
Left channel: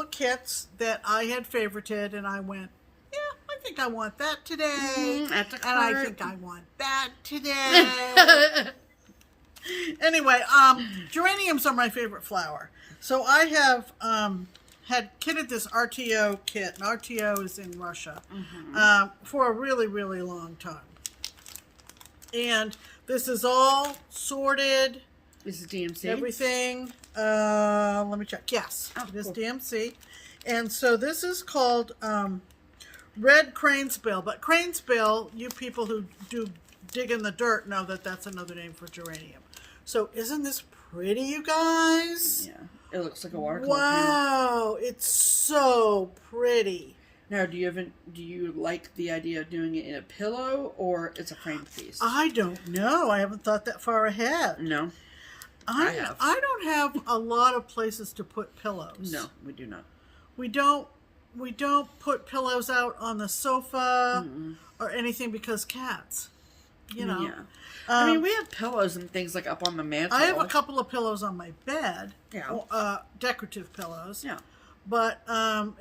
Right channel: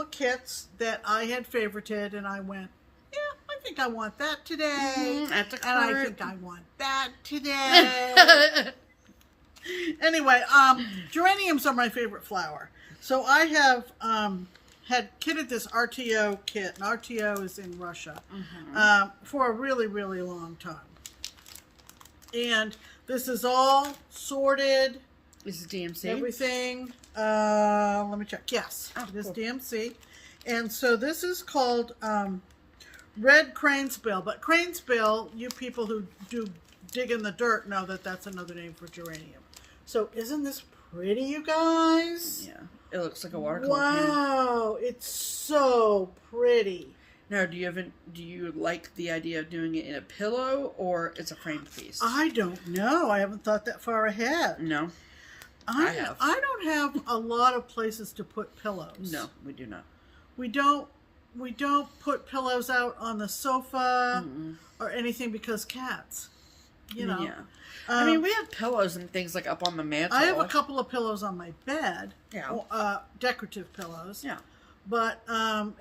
of kits that I had favorited, and I went, yeah, I think I want that today. At the and cart. I think I want that today. Anyway, geraniums are my favorite flower, so I have had kitted this RTO kit, and RTO is in Russia, for a really, really long time. And this is all sorted. This is DMC? Everything. Let me check. Yes. This is DMC. And so this is called red cranesbill. But cranesbill, you people who do dig in the dirt know that that's another name for geranium. So isn't this pretty, you guys? Yeah. It looks like a watercolor. Wow. It's so pretty. Now, do you like the idea of doing it in a pillow or it's a framed piece? I don't know. I haven't thought that far ahead. No. I have. I don't have a lot of places to put pillows. No, we do not. We don't put pillows out on the sofa or anything because cats. You know. Yeah. I mean, we have pillows and things like up on the mantle. I have a couple of pillows on my bed. Yeah. Decorative pillows. Yeah. But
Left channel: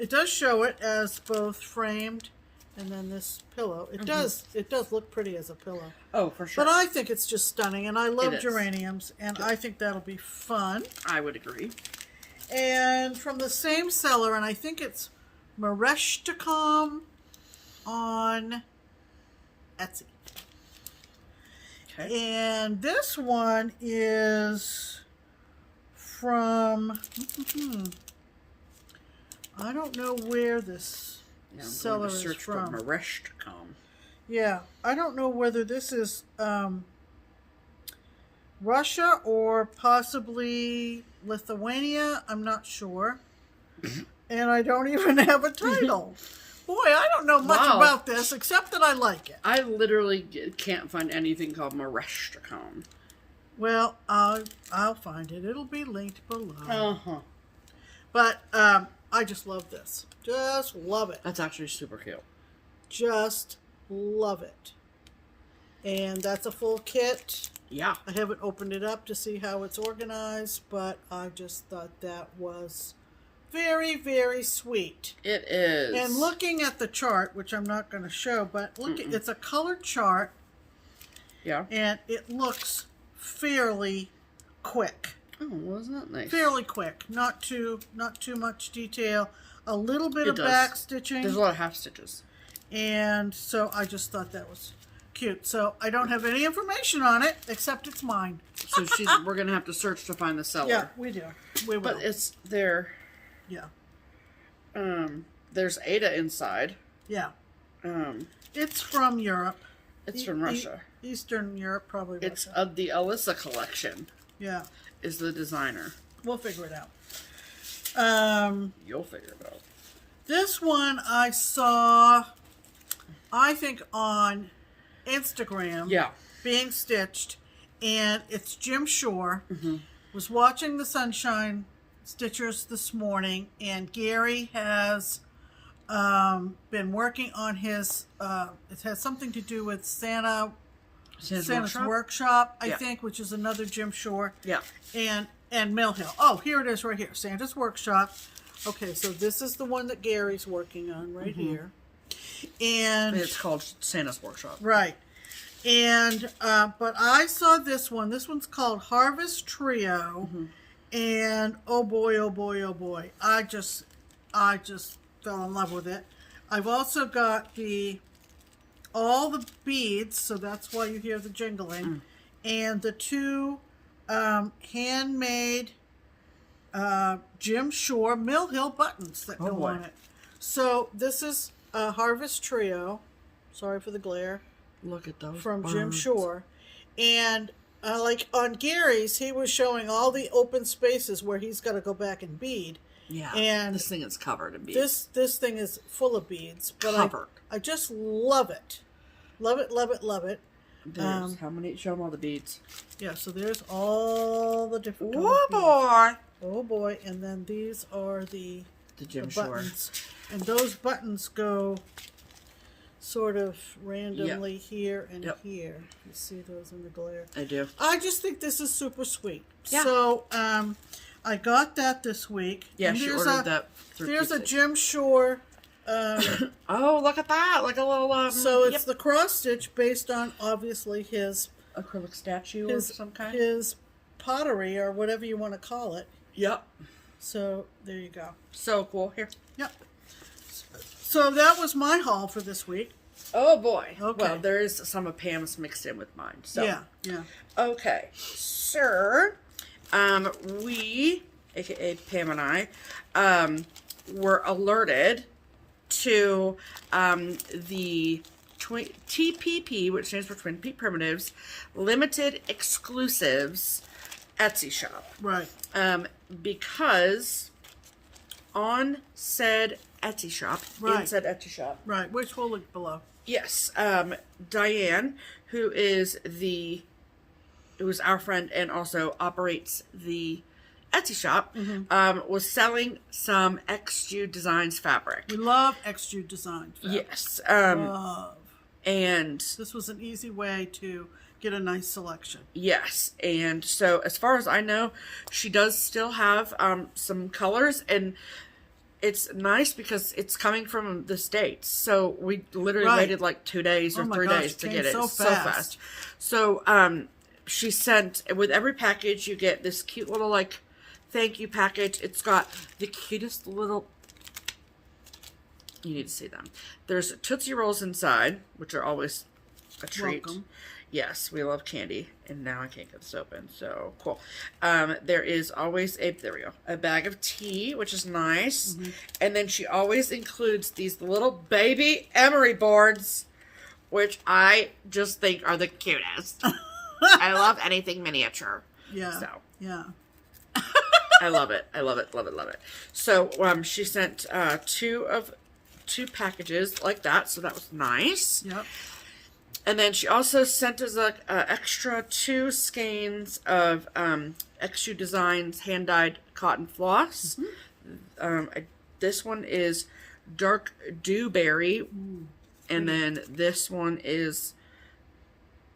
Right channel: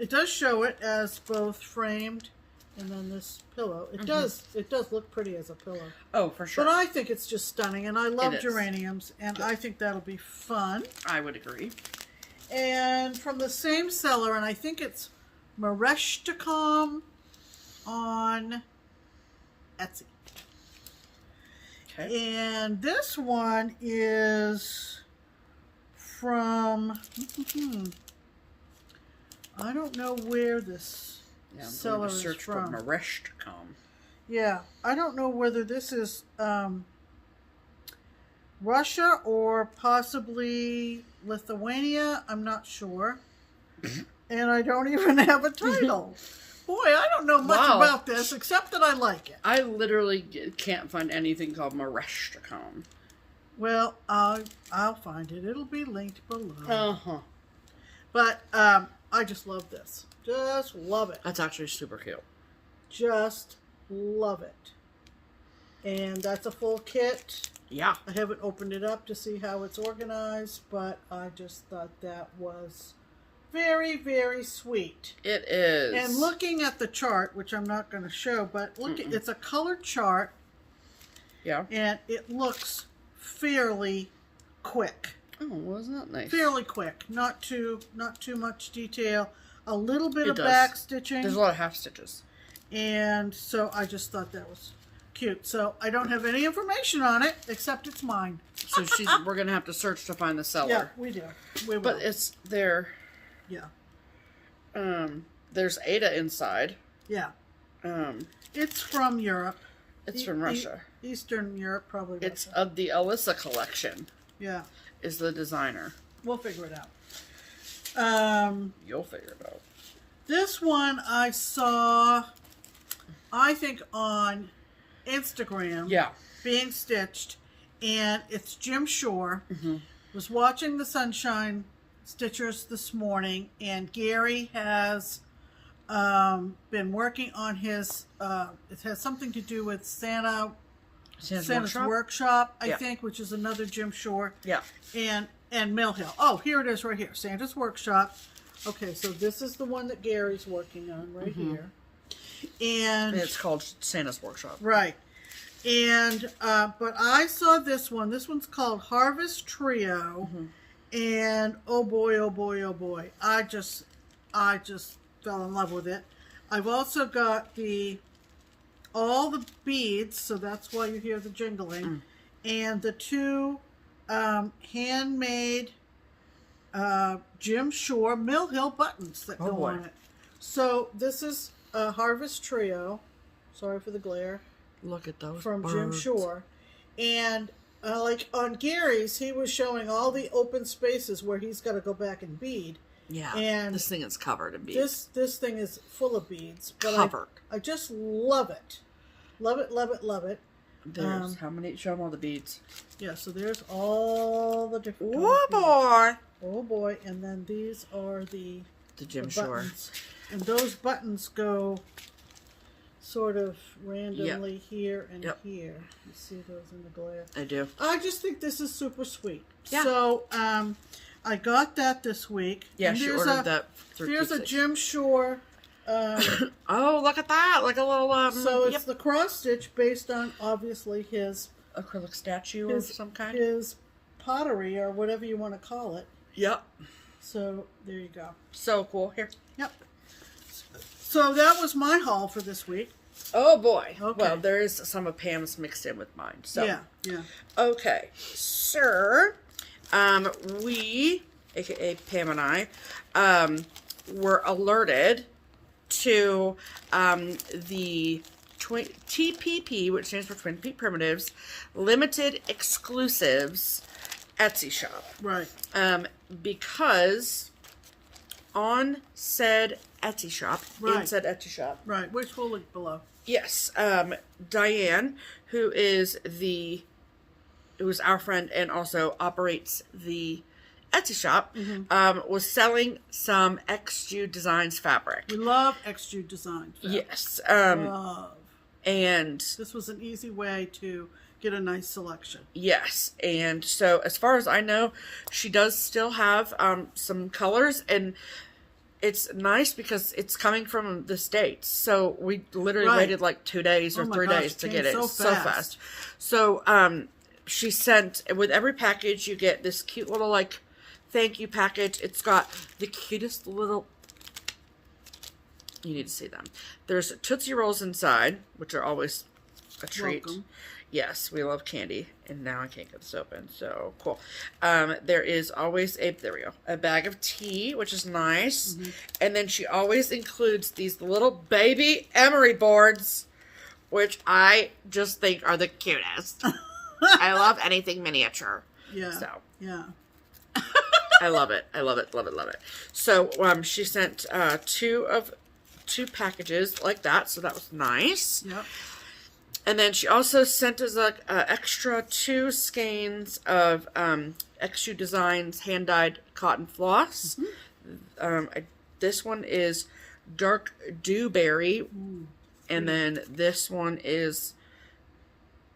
it does show it as both framed and then this pillow. It does look pretty as a pillow. Oh, for sure. But I think it's just stunning, and I love geraniums, and I think that'll be fun. I would agree. And from the same seller, and I think it's mirkrestikom on Etsy. Okay. And this one is from... I don't know where this seller is from. Search for mirkrestikom. Yeah, I don't know whether this is Russia or possibly Lithuania. I'm not sure. And I don't even have a title. Boy, I don't know much about this except that I like it. I literally can't find anything called mirkrestikom. Well, I'll find it. It'll be linked below. But I just love this. Just love it. That's actually super cute. Just love it. And that's a full kit. Yeah. I haven't opened it up to see how it's organized, but I just thought that was very, very sweet. It is. And looking at the chart, which I'm not going to show, but look, it's a colored chart. Yeah. And it looks fairly quick. Oh, wasn't that nice? Fairly quick. Not too much detail. A little bit of back stitching. There's a lot of half stitches. And so I just thought that was cute. So I don't have any information on it except it's mine. So we're gonna have to search to find the seller. Yeah, we do. We will. But it's there. Yeah. There's Ada inside. Yeah. It's from Europe. It's from Russia. Eastern Europe, probably. It's of the Alyssa collection. Yeah. Is the designer. We'll figure it out. You'll figure it out. This one I saw, I think, on Instagram. Yeah. Being stitched, and it's Jim Shore. Was watching the Sunshine Stitchers this morning, and Gary has been working on his. It has something to do with Santa Santa's Workshop, I Yeah. think, which is another Jim Shore. Yeah. And Mill Hill. Oh, here it is right here. Santa's Workshop. Okay, so this is the one that Gary's working on right here. And it's called Santa's Workshop. right. And but I saw this one. This one's called Harvest Trio. And oh boy, oh boy, oh boy. I just fell in love with it. I've also got all the beads, so that's why you hear the jingling. And the two handmade Jim Shore Mill Hill buttons that go on it. So this is a Harvest Trio. Sorry for the glare. Look at those from birds. Jim Shore. And like on Gary's, he was showing all the open spaces where he's got to go back and bead. Yeah, and this thing is covered in beads. This thing is full of beads. But covered. I just love it. Love it, love it, love it. There's how many? Show them all the beads. Yeah, so there's all the different Oh boy! Oh boy! And then these are the Jim Shore buttons, and those buttons go sort of randomly here and here. You see those in the glare? I do. I just think this is super sweet. Yeah. So I got that this week. Yeah, she ordered that. There's a Jim Shore. Oh, look at that! Like a little. So it's the cross stitch based on obviously his acrylic statue of some kind. His pottery or whatever you want to call it. Yep. So there you go. So cool. Here. Yep. So that was my haul for this week. Oh boy. Okay. Well, there is some of Pam's mixed in with mine. So yeah. Okay, sir. We, aka Pam and I, were alerted to the TPP, which stands for Twin Peak Primitives, Limited Exclusives Etsy shop. Right. Because on said Etsy shop, in said Etsy shop. Right, which we'll link below. Yes. Diane, who is our friend and also operates the Etsy shop, was selling some XJustDesigns fabric. We love XJustDesigns fabric. Yes. Love. And this was an easy way to get a nice selection. Yes. And so as far as I know, she does still have some colors, and it's nice because it's coming from the States. So we literally waited like 2 days or 3 days to get it. So fast. So she sent, with every package, you get this cute little like thank you package. It's got the cutest little, you need to see them. There's Tootsie Rolls inside, which are always a treat. Welcome. Yes, we love candy, and now I can't get this open, so cool. There is always a bag of tea, which is nice, and then she always includes these little baby emery boards, which I just think are the cutest. I love anything miniature. Yeah. So yeah. I love it. I love it. Love it. Love it. So she sent two packages like that, so that was nice. Yep. And then she also sent us an extra 2 skeins of XJustDesigns hand-dyed cotton floss. This one is dark dewberry, and then this one is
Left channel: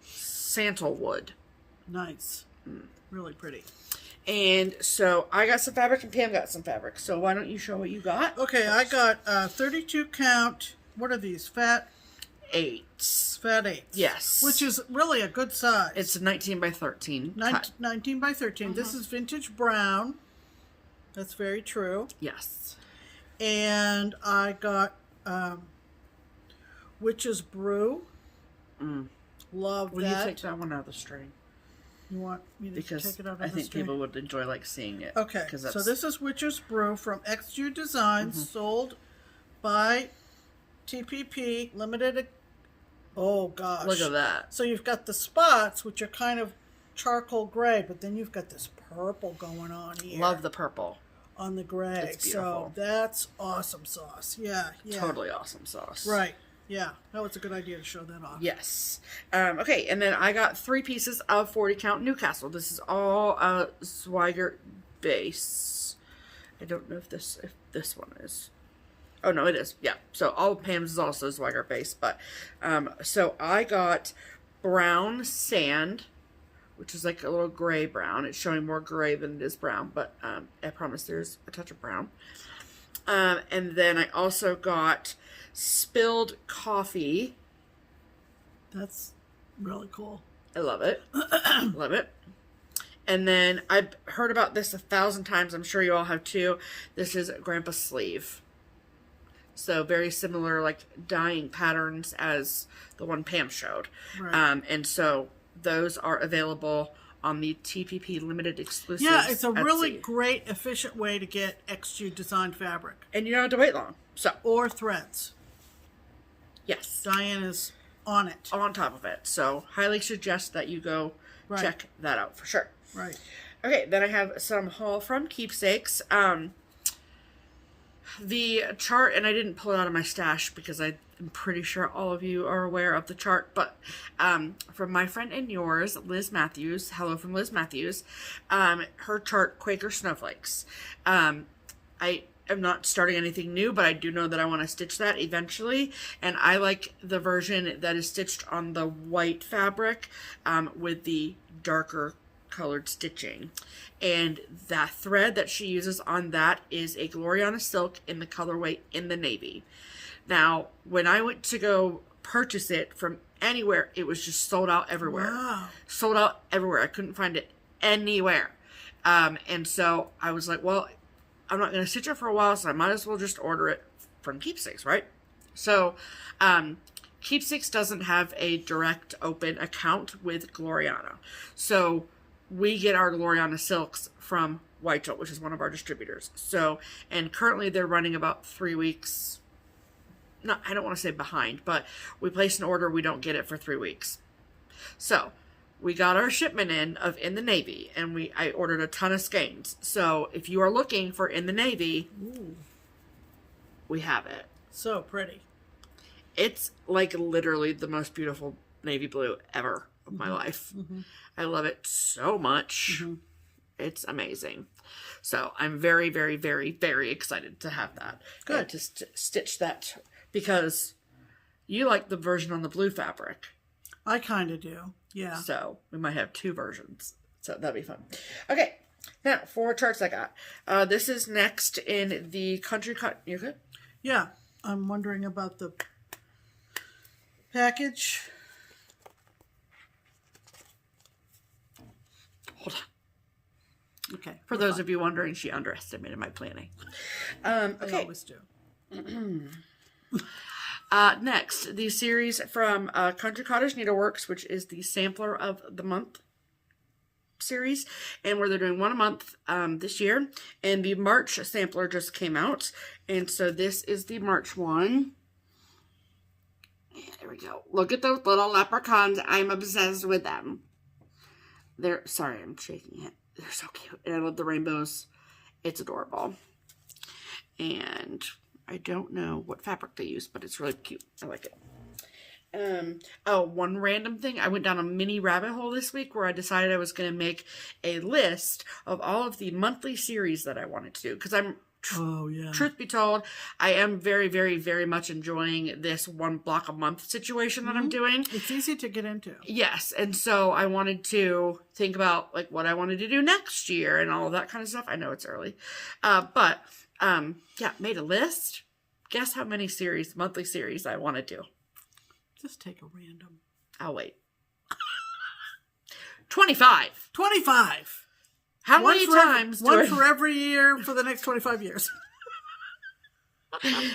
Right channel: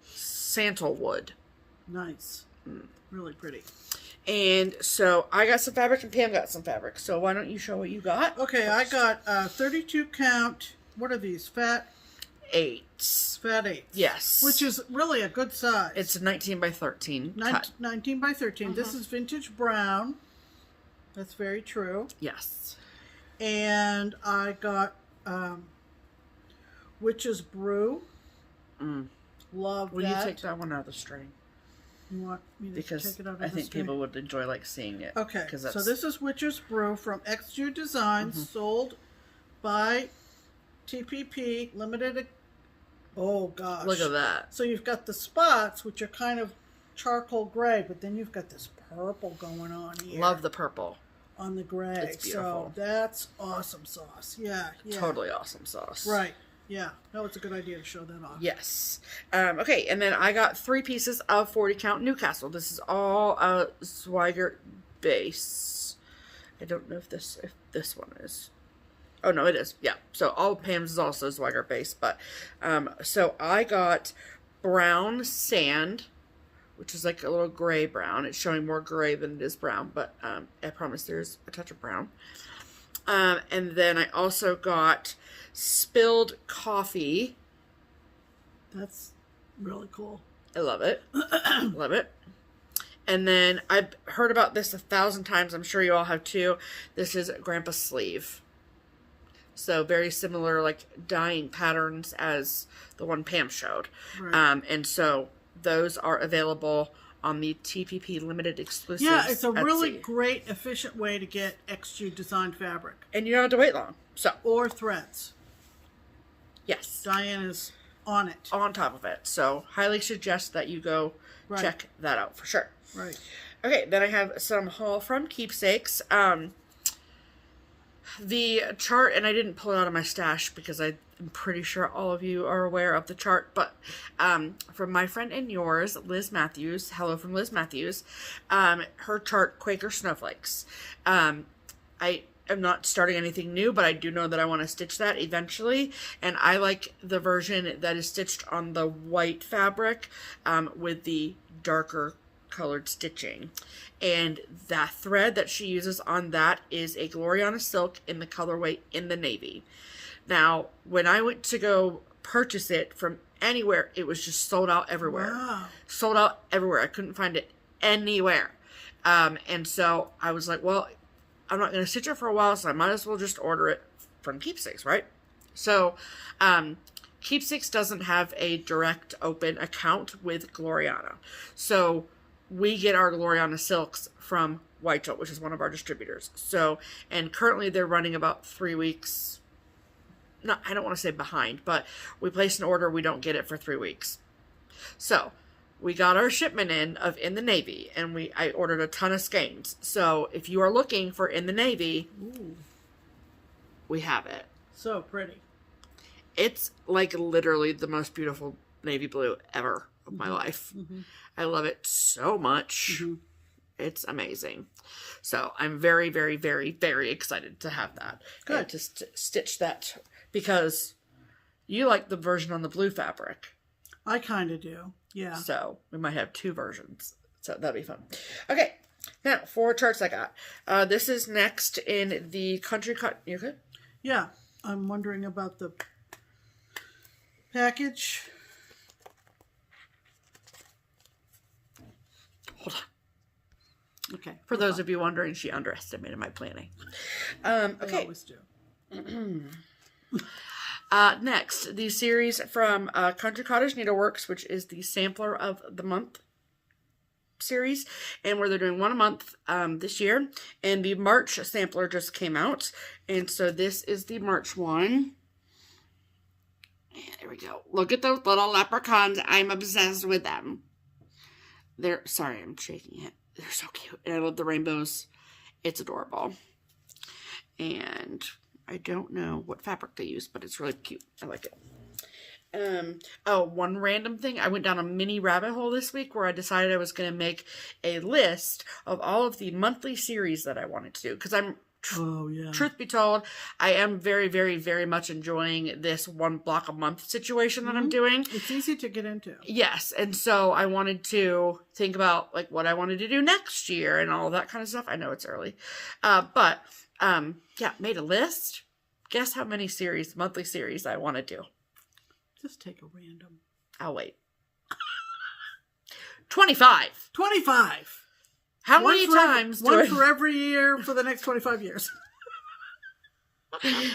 sandalwood. Nice. Really pretty. And so I got some fabric and Pam got some fabric. So why don't you show what you got? Okay, I got 32 count. What are these? Fat 8s. Fat 8s. Yes. Which is really a good size. It's a 19 by 13 cut. 19 by 13. This is vintage brown. That's very true. Yes. And I got Witch's Brew. Love Will that. you take that one out of the string? You want me to Because take it out of I the think string? people would enjoy like seeing it. Okay, That's... so this is Witch's Brew from XJustDesigns, sold by TPP Limited. Oh gosh! Look at that. So you've got the spots, which are kind of charcoal gray, but then you've got this purple going on here. Love the purple. On the gray. It's beautiful. So that's awesome sauce. Yeah. Totally awesome sauce. Right. Yeah, that was a good idea to show that off. Yes. Okay, and then I got 3 pieces of 40 count Newcastle. This is all Swigert base. I don't know if this one is. Oh no, it is. Yeah. So all of Pam's is also Swigert base, but so I got brown sand, which is like a little gray brown. It's showing more gray than it is brown, but I promise there's a touch of brown. And then I also got spilled coffee. That's really cool. I love it. Love it. And then I've heard about this 1,000 times. I'm sure you all have too. This is Grandpa's sleeve. So very similar, like dyeing patterns as the one Pam showed. Right. And so those are available on the TPPLimitedExclusives. Yeah, it's a really Etsy. great, efficient way to get XU designed fabric. And you don't have to wait long. So, Or threads. yes. Diane is on it. On top of it. So, highly suggest that you go check that out for sure. Right. Okay, then I have some haul from Keepsakes. The chart, and I didn't pull it out of my stash because I'm pretty sure all of you are aware of the chart, but from my friend and yours, Liz Matthews, hello from Liz Matthews, her chart, Quaker Snowflakes. I am not starting anything new, but I do know that I want to stitch that eventually, and I like the version that is stitched on the white fabric with the darker colored stitching. And that thread that she uses on that is a Gloriana silk in the colorway in the navy. Now, when I went to go purchase it from anywhere, it was just sold out everywhere. Wow. Sold out everywhere. I couldn't find it anywhere. And so I was like, well, I'm not going to stitch it for a while, so I might as well just order it from Keepsakes, right? So, Keepsakes doesn't have a direct open account with Gloriana. So, we get our Gloriana silks from WIPGO, which is one of our distributors. So, and currently they're running about 3 weeks. I don't want to say behind, but we place an order, we don't get it for 3 weeks. So, we got our shipment in the Navy, and I ordered a ton of skeins. So, if you are looking for in the Navy, Ooh. we have it. So pretty. It's like literally the most beautiful navy blue ever of my life. Mm-hmm. I love it so much. Mm-hmm. It's amazing. So I'm very, very, very, very excited to have that. Good. To stitch that because you like the version on the blue fabric. I kind of do. Yeah. So we might have 2 versions. So that'd be fun. Okay. Now, 4 charts I got. This is next in the country cut. You okay? Yeah. I'm wondering about the package. Hold on. Okay. For those of you wondering, she underestimated my planning. I Okay. always do. Next, the series from Country Cottage Needleworks, which is the Sampler of the Month series, and where they're doing 1 a month this year. And the March sampler just came out, and so this is the March one. There we go. Look at those little leprechauns. I'm obsessed with them. Sorry, I'm shaking it. They're so cute. And I love the rainbows. It's adorable. And I don't know what fabric they use, but it's really cute. I like it. Oh, one random thing. I went down a mini rabbit hole this week where I decided I was going to make a list of all of the monthly series that I wanted to do. Because truth be told, I am very, very, very much enjoying this 1 block a month situation that I'm doing. It's easy to get into. Yes, and so I wanted to think about like what I wanted to do next year and all that kind of stuff. I know it's early, but yeah, made a list. Guess how many monthly series I want to do? Just take a random. I'll wait. 25. 25. How many times? One for every year for the next 25 years.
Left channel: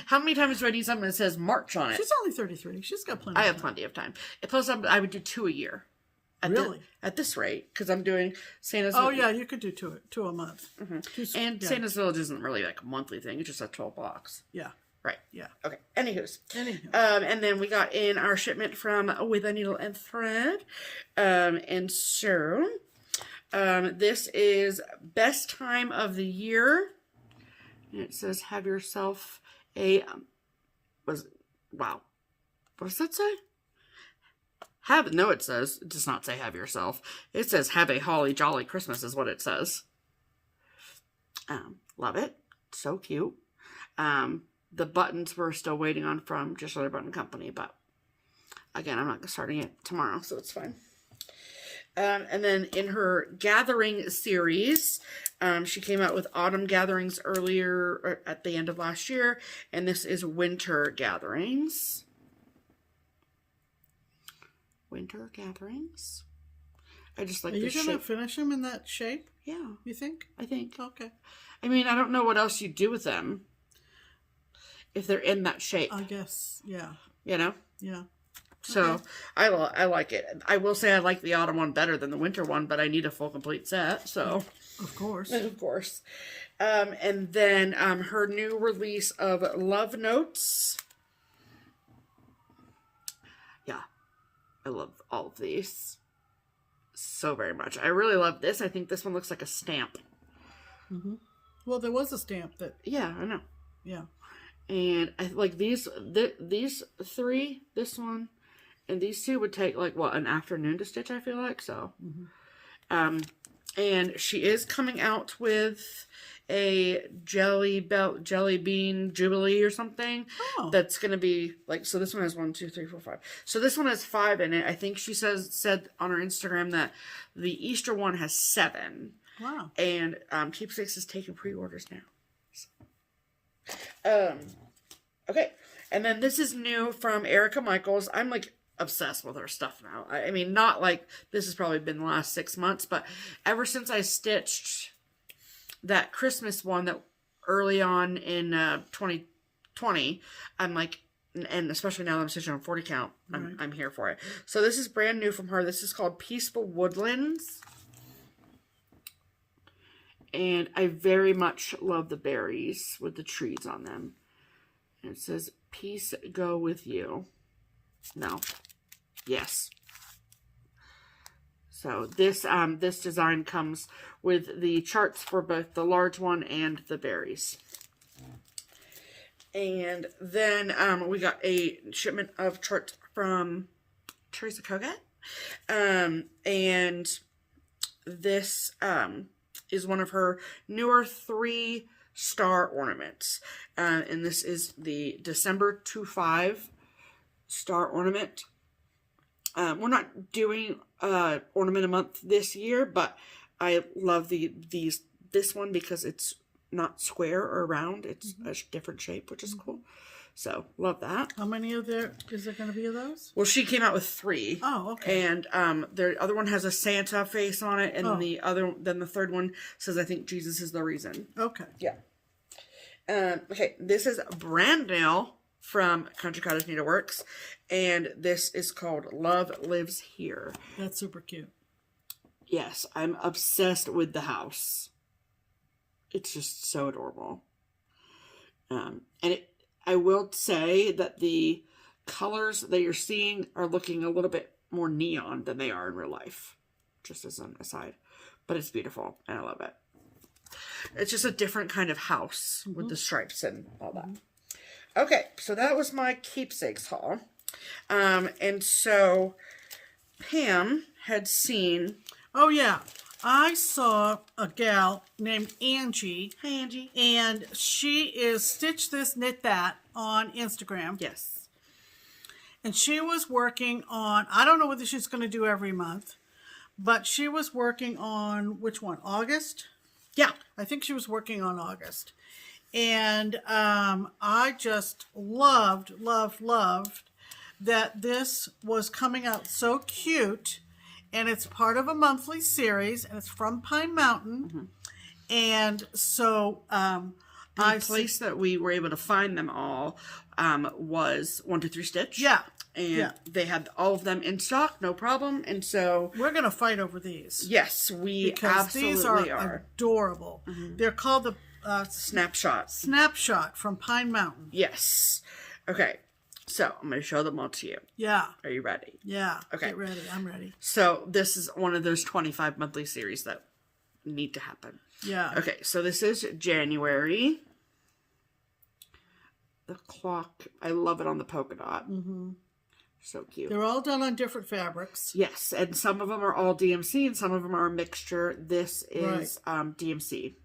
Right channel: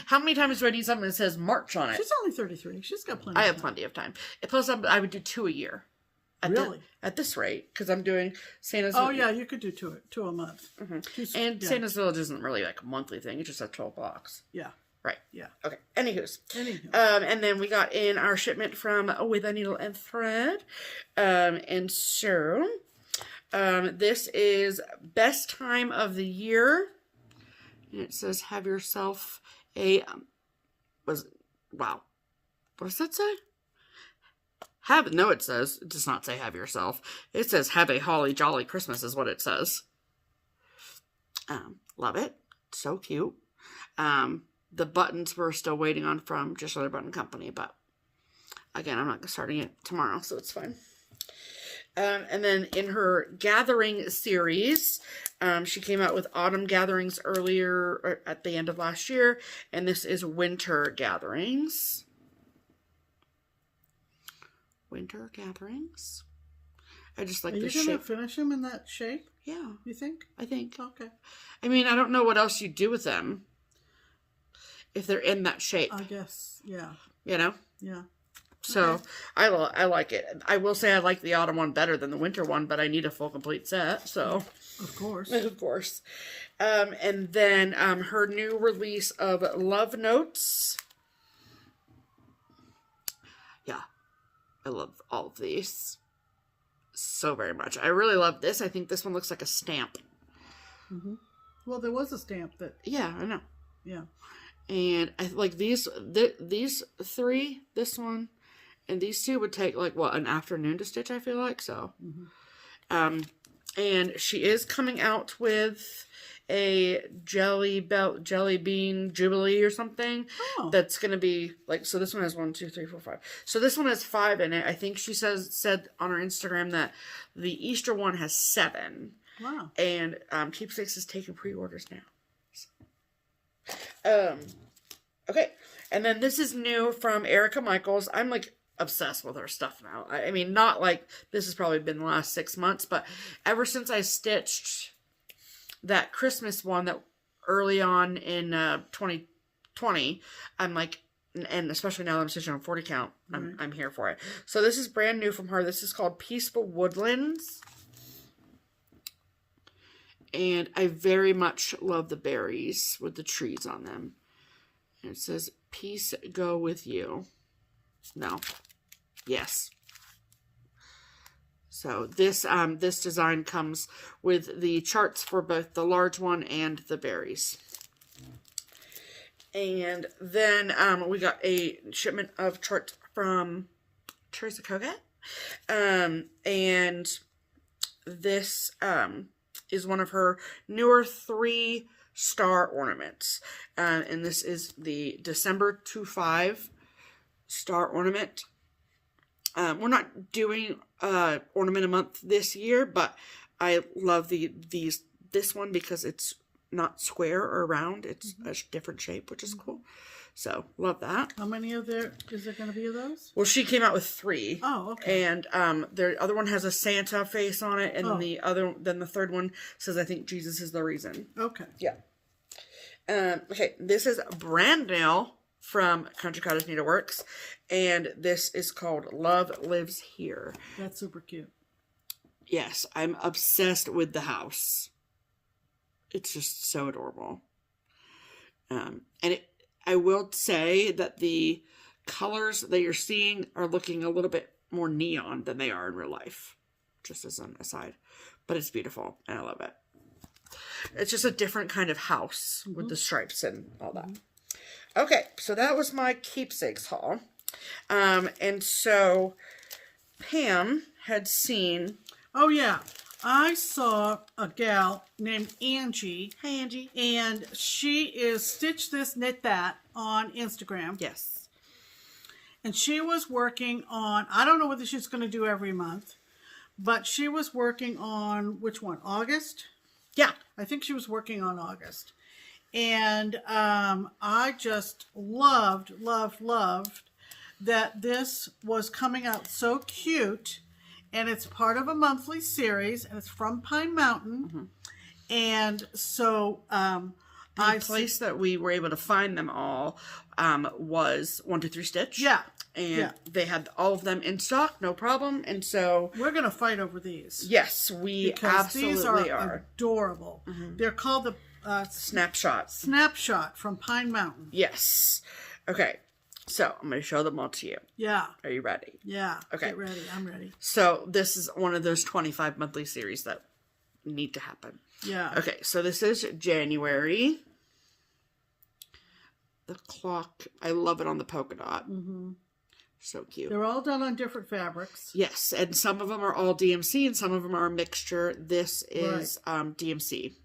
How many times do I need something that says March on it? She's only 33. She's got plenty. I have plenty of time. Plus, I would do 2 a year. Really? At this rate, because I'm doing Santa's. Oh yeah, you could do two a month. Mm-hmm. And yeah. Santa's Village isn't really like a monthly thing. It's just like 12 blocks. Yeah. Right. Yeah. Okay. Anywho. And then we got in our shipment from With a Needle and Thread. And so, this is best time of the year. And it says, have yourself a, wow. What does that say? It says, it does not say have yourself. It says have a holly jolly Christmas is what it says. Love it. So cute. The buttons we're still waiting on from Just Other Button Company, but again, I'm not starting it tomorrow, so it's fine. And then in her gathering series, she came out with autumn gatherings earlier, or at the end of last year, and this is winter gatherings. Winter gatherings. I just like the shape. Are you going to finish them in that shape? Yeah. You think? I think. Okay. I mean, I don't know what else you do with them if they're in that shape. I guess, yeah. You know? Yeah. So, okay. I like it. I will say I like the autumn one better than the winter one, but I need a full complete set, so. Of course. Of course. And then her new release of Love Notes. Yeah. I love all of these so very much. I really love this. I think this one looks like a stamp. Mm-hmm. Well, there was a stamp that... Yeah, I know. Yeah. And I like these three, this one, and these two would take, like, what, an afternoon to stitch, I feel like, so. Mm-hmm. And she is coming out with a jelly bean jubilee or something. Oh. That's going to be, like, so this one has 1, 2, 3, 4, 5. So this one has 5 in it. I think she said on her Instagram that the Easter one has 7. Wow. And Keepsakes is taking pre-orders now. Okay. And then this is new from Erika Michaels. I'm, like, obsessed with her stuff now. I mean, not like this has probably been the last 6 months, but ever since I stitched that Christmas one that early on in 2020, I'm like, and especially now that I'm stitching on 40 count, I'm here for it. So this is brand new from her. This is called Peaceful Woodlands. And I very much love the berries with the trees on them. And it says, peace go with you. No. Yes. So this this design comes with the charts for both the large one and the berries. And then we got a shipment of charts from Teresa Kogat. And this is one of her newer 3-star ornaments. And this is the December 25 star ornament. We're not doing ornament a month this year, but I love this one because it's not square or round. It's a different shape, which is cool. So, love that. How many is there going to be of those? Well, she came out with 3. Oh, okay. And the other one has a Santa face on it, and then the third one says, I think Jesus is the reason. Okay. Yeah. Okay, this is brand new from Country Cottage Needleworks, and this is called Love Lives Here. That's super cute. Yes, I'm obsessed with the house. It's just so adorable. I will say that the colors that you're seeing are looking a little bit more neon than they are in real life, just as an aside. But it's beautiful, and I love it. It's just a different kind of house with the stripes and all that. Okay, so that was my Keepsakes haul. And so Pam had seen... Oh, yeah. I saw a gal named Angie. Hi, Angie. And she is Stitch This, Knit That on Instagram. Yes. And she was working on, I don't know whether she's going to do every month, but she was working on, which one, August? Yeah. I think she was working on August. And I just loved that this was coming out so cute. And it's part of a monthly series, and it's from Pine Mountain. And so the place that we were able to find them all was 123 Stitch. Yeah. And they had all of them in stock, no problem. And so we're going to fight over these. Yes, we absolutely are. Adorable. They're called the Snapshot from Pine Mountain. Yes. Okay. So, I'm going to show them all to you. Yeah. Are you ready? Yeah. Okay. Get ready. I'm ready. So, this is one of those 25 monthly series that need to happen. Yeah. Okay, so this is January. The clock, I love it on the polka dot. So cute. They're all done on different fabrics. Yes, and some of them are all DMC and some of them are a mixture. This is DMC.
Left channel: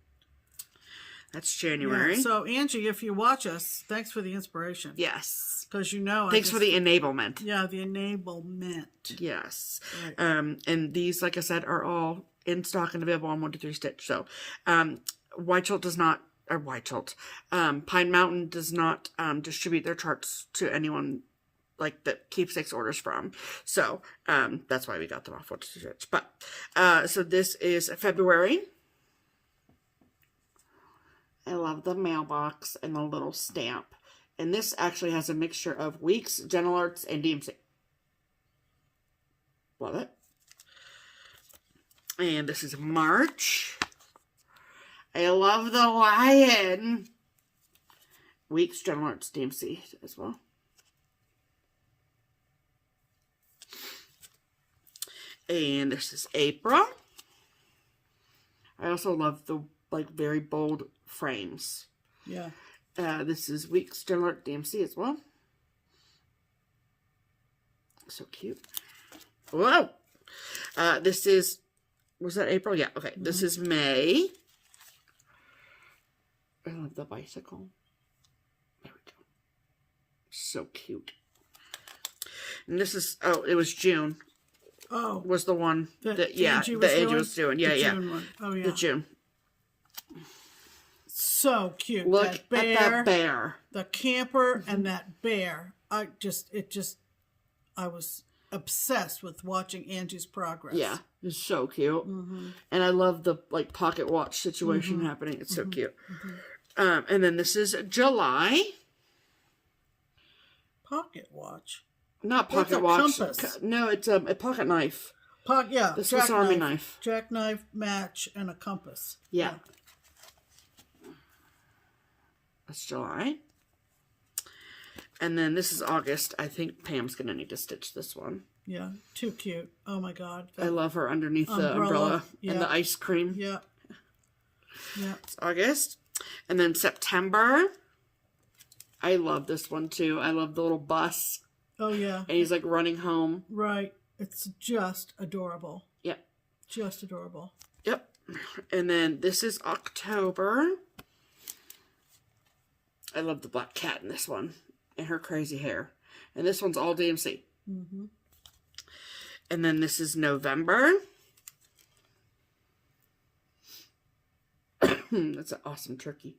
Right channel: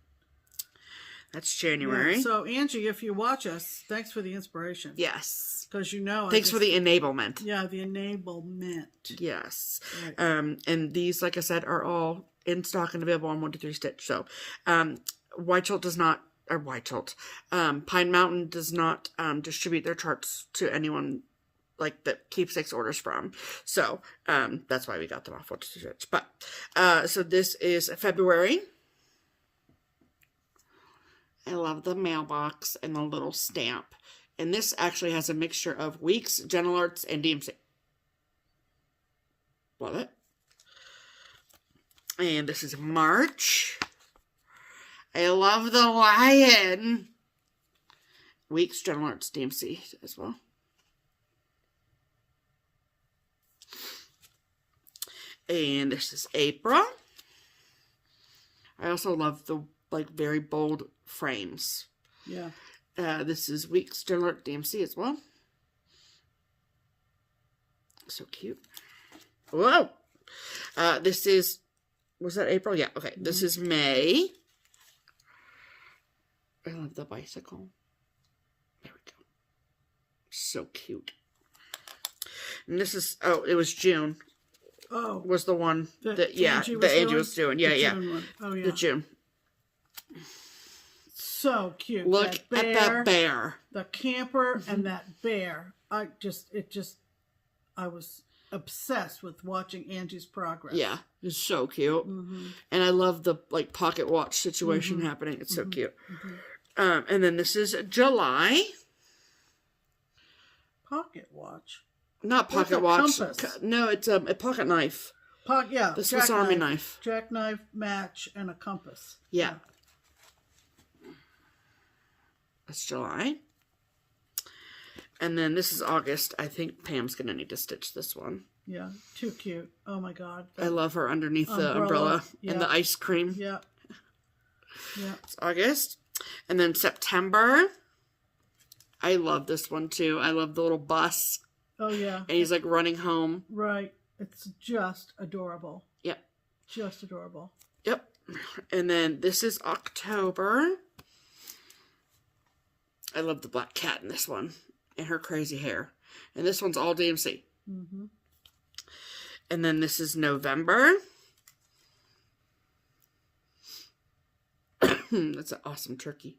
That's January. Yeah, so Angie, if you watch us, thanks for the inspiration. Yes. Because you know, thanks for the enablement. Yeah, the enablement. Yes. Right. And these, like I said, are all in stock and available on 123stitch. So, Pine Mountain does not distribute their charts to anyone like that Keepsakes orders from. So, that's why we got them off 123stitch. But, so this is February. I love the mailbox and the little stamp. And this actually has a mixture of Weeks, Gentle Arts, and DMC. Love it. And this is March. I love the lion. Weeks, Gentle Arts, DMC as well. And this is April. I also love the very bold frames. Yeah. This is Weeks, Gentle Arts, DMC as well. So cute. Whoa! This is, was that April? Yeah, okay. Mm-hmm. This is May. I love the bicycle. There we go. So cute. And this is, oh, it was June. Oh. Was the one that Angie was doing. Yeah, yeah. Oh, yeah. The June. So cute. Look at that bear. The camper and that bear. I was obsessed with watching Angie's progress. Yeah, it's so cute. Mm-hmm. And I love the pocket watch situation happening. It's so cute. Mm-hmm. And then this is July. Pocket watch. Not pocket watch. Compass. No, it's a pocket knife. The Swiss Army knife. Jackknife, match, and a compass. Yeah. That's July. And then this is August. I think Pam's going to need to stitch this one. Yeah, too cute. Oh my God. I love her underneath the umbrella and the ice cream. Yeah. Yeah. It's August. And then September. I love this one too. I love the little bus. Oh yeah. And he's running home. Right. It's just adorable. Yep. Just adorable. Yep. And then this is October. I love the black cat in this one. And her crazy hair. And this one's all DMC. Mm-hmm. And then this is November. That's an awesome turkey.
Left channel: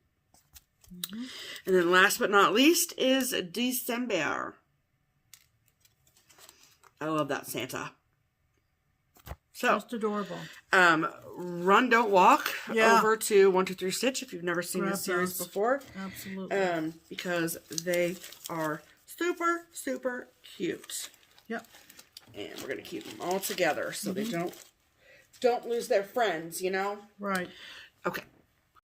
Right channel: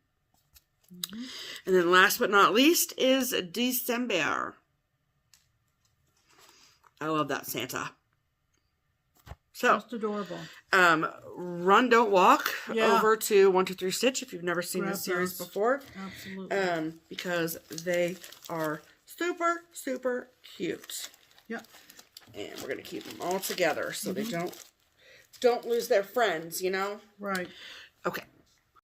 Mm-hmm. And then last but not least is December. I love that Santa. So, just adorable. Run, don't walk over to 123stitch if you've never seen this series before. Absolutely. Because they are super, super cute. Yep. And we're going to keep them all together so they don't lose their friends, you know? Right. Okay.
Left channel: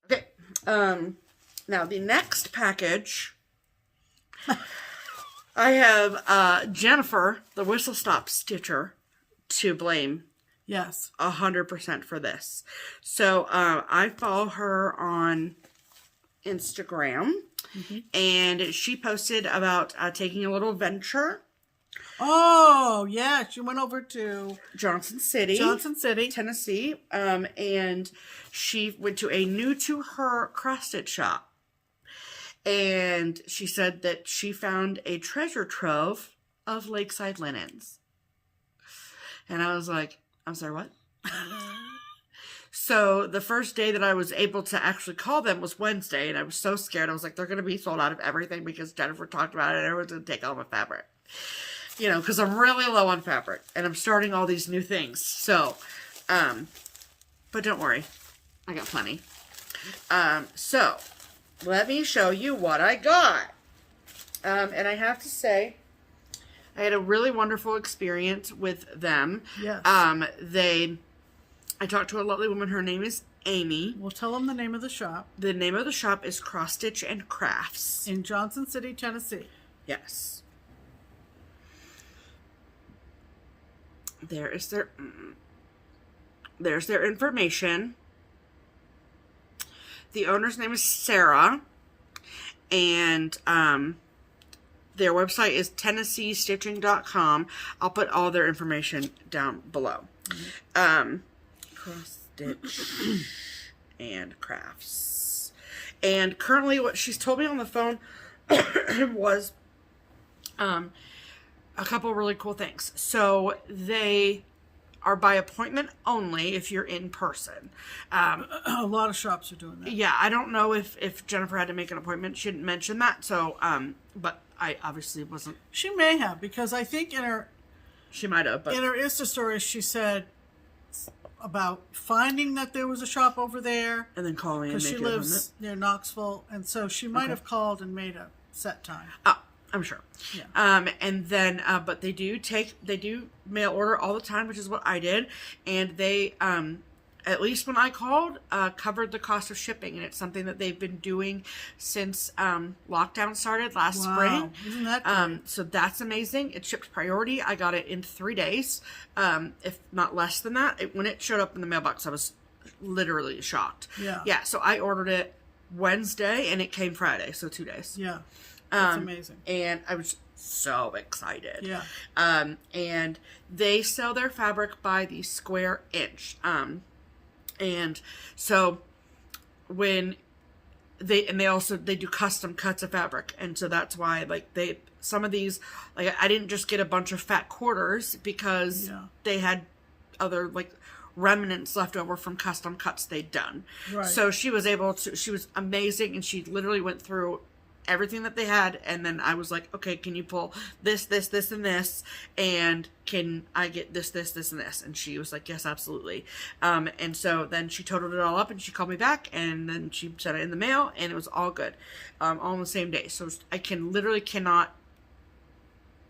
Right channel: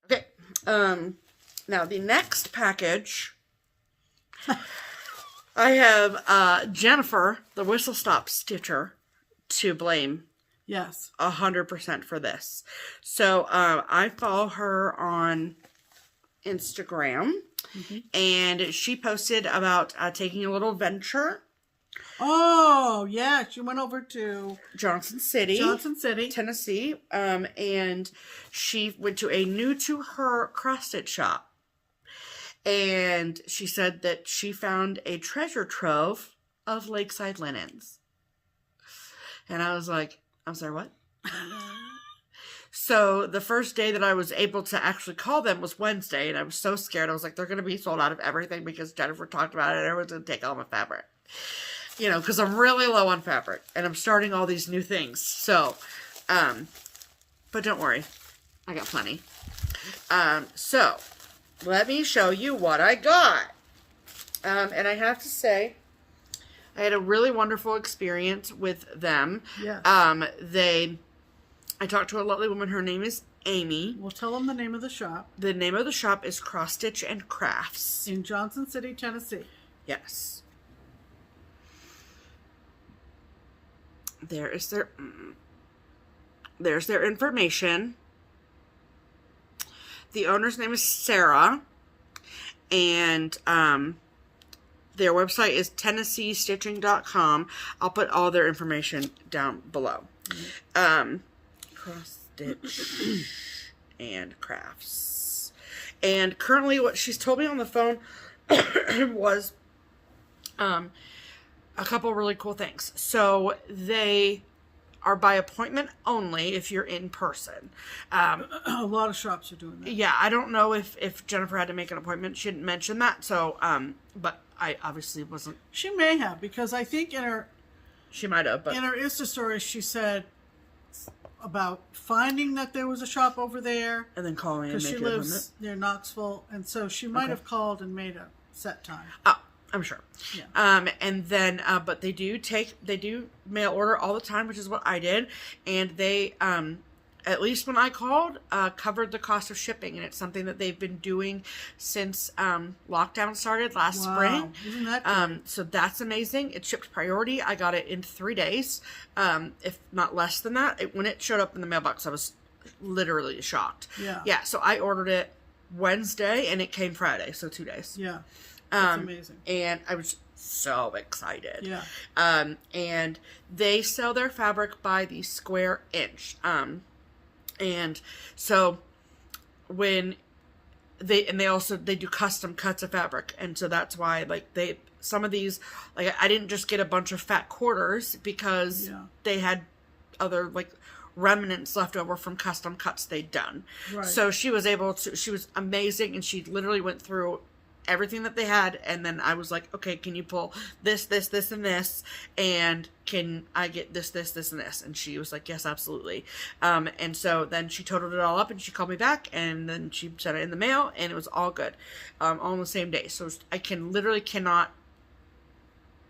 Okay. Now the next package, I have Jennifer, the whistle stop stitcher, to blame. Yes. 100% for this. So I follow her on Instagram, and she posted about taking a little venture. Oh, yeah. She went over to Johnson City, Tennessee, and she went to a new to her cross-stitch shop. And she said that she found a treasure trove of lakeside linens. And I was like, I'm sorry, what? So the first day that I was able to actually call them was Wednesday, and I was so scared. I was like, they're going to be sold out of everything because Jennifer talked about it and everyone's going to take all my fabric. You know, because I'm really low on fabric, and I'm starting all these new things. So, but don't worry. I got plenty. So, let me show you what I got. And I have to say, I had a really wonderful experience with them. Yes. I talked to a lovely woman. Her name is Amy. We'll tell them the name of the shop. The name of the shop is Cross Stitch and Crafts. In Johnson City, Tennessee. Yes. There's their information. The owner's name is Sarah. And their website is TennesseeStitching.com. I'll put all their information down below. Cross Stitch and Crafts. And currently what she's told me on the phone was a couple really cool things. So they are by appointment only if you're in person. A lot of shops are doing that. Yeah, I don't know if Jennifer had to make an appointment. She didn't mention that. So, but I obviously wasn't. She may have, because I think She might have, but in her Insta stories she said about finding that there was a shop over there. and then call me and Because make she an lives appointment. near Knoxville, and so she might have called and made a set time. Oh, I'm sure. Yeah. And then, but they do mail order all the time, which is what I did. And they, at least when I called, covered the cost of shipping. And it's something that they've been doing since, lockdown started last spring. Isn't that great? So that's amazing. It shipped priority. I got it in 3 days, if not less than that. When it showed up in the mailbox, I was literally shocked. Yeah. Yeah. So I ordered it Wednesday and it came Friday. So 2 days. Yeah. That's amazing. And I was so excited. Yeah. And they sell their fabric by the square inch. And so when they do custom cuts of fabric. And so that's why, like, some of these, like, I didn't just get a bunch of fat quarters because they had other, like, remnants left over from custom cuts they'd done. Right. So she was amazing, and she literally went through everything that they had, and then I was like, okay, can you pull this, this, this, and this, and can I get this, this, this, and this? And she was like, yes, absolutely. And so then she totaled it all up, and she called me back, and then she sent it in the mail, and it was all good, all on the same day. So I cannot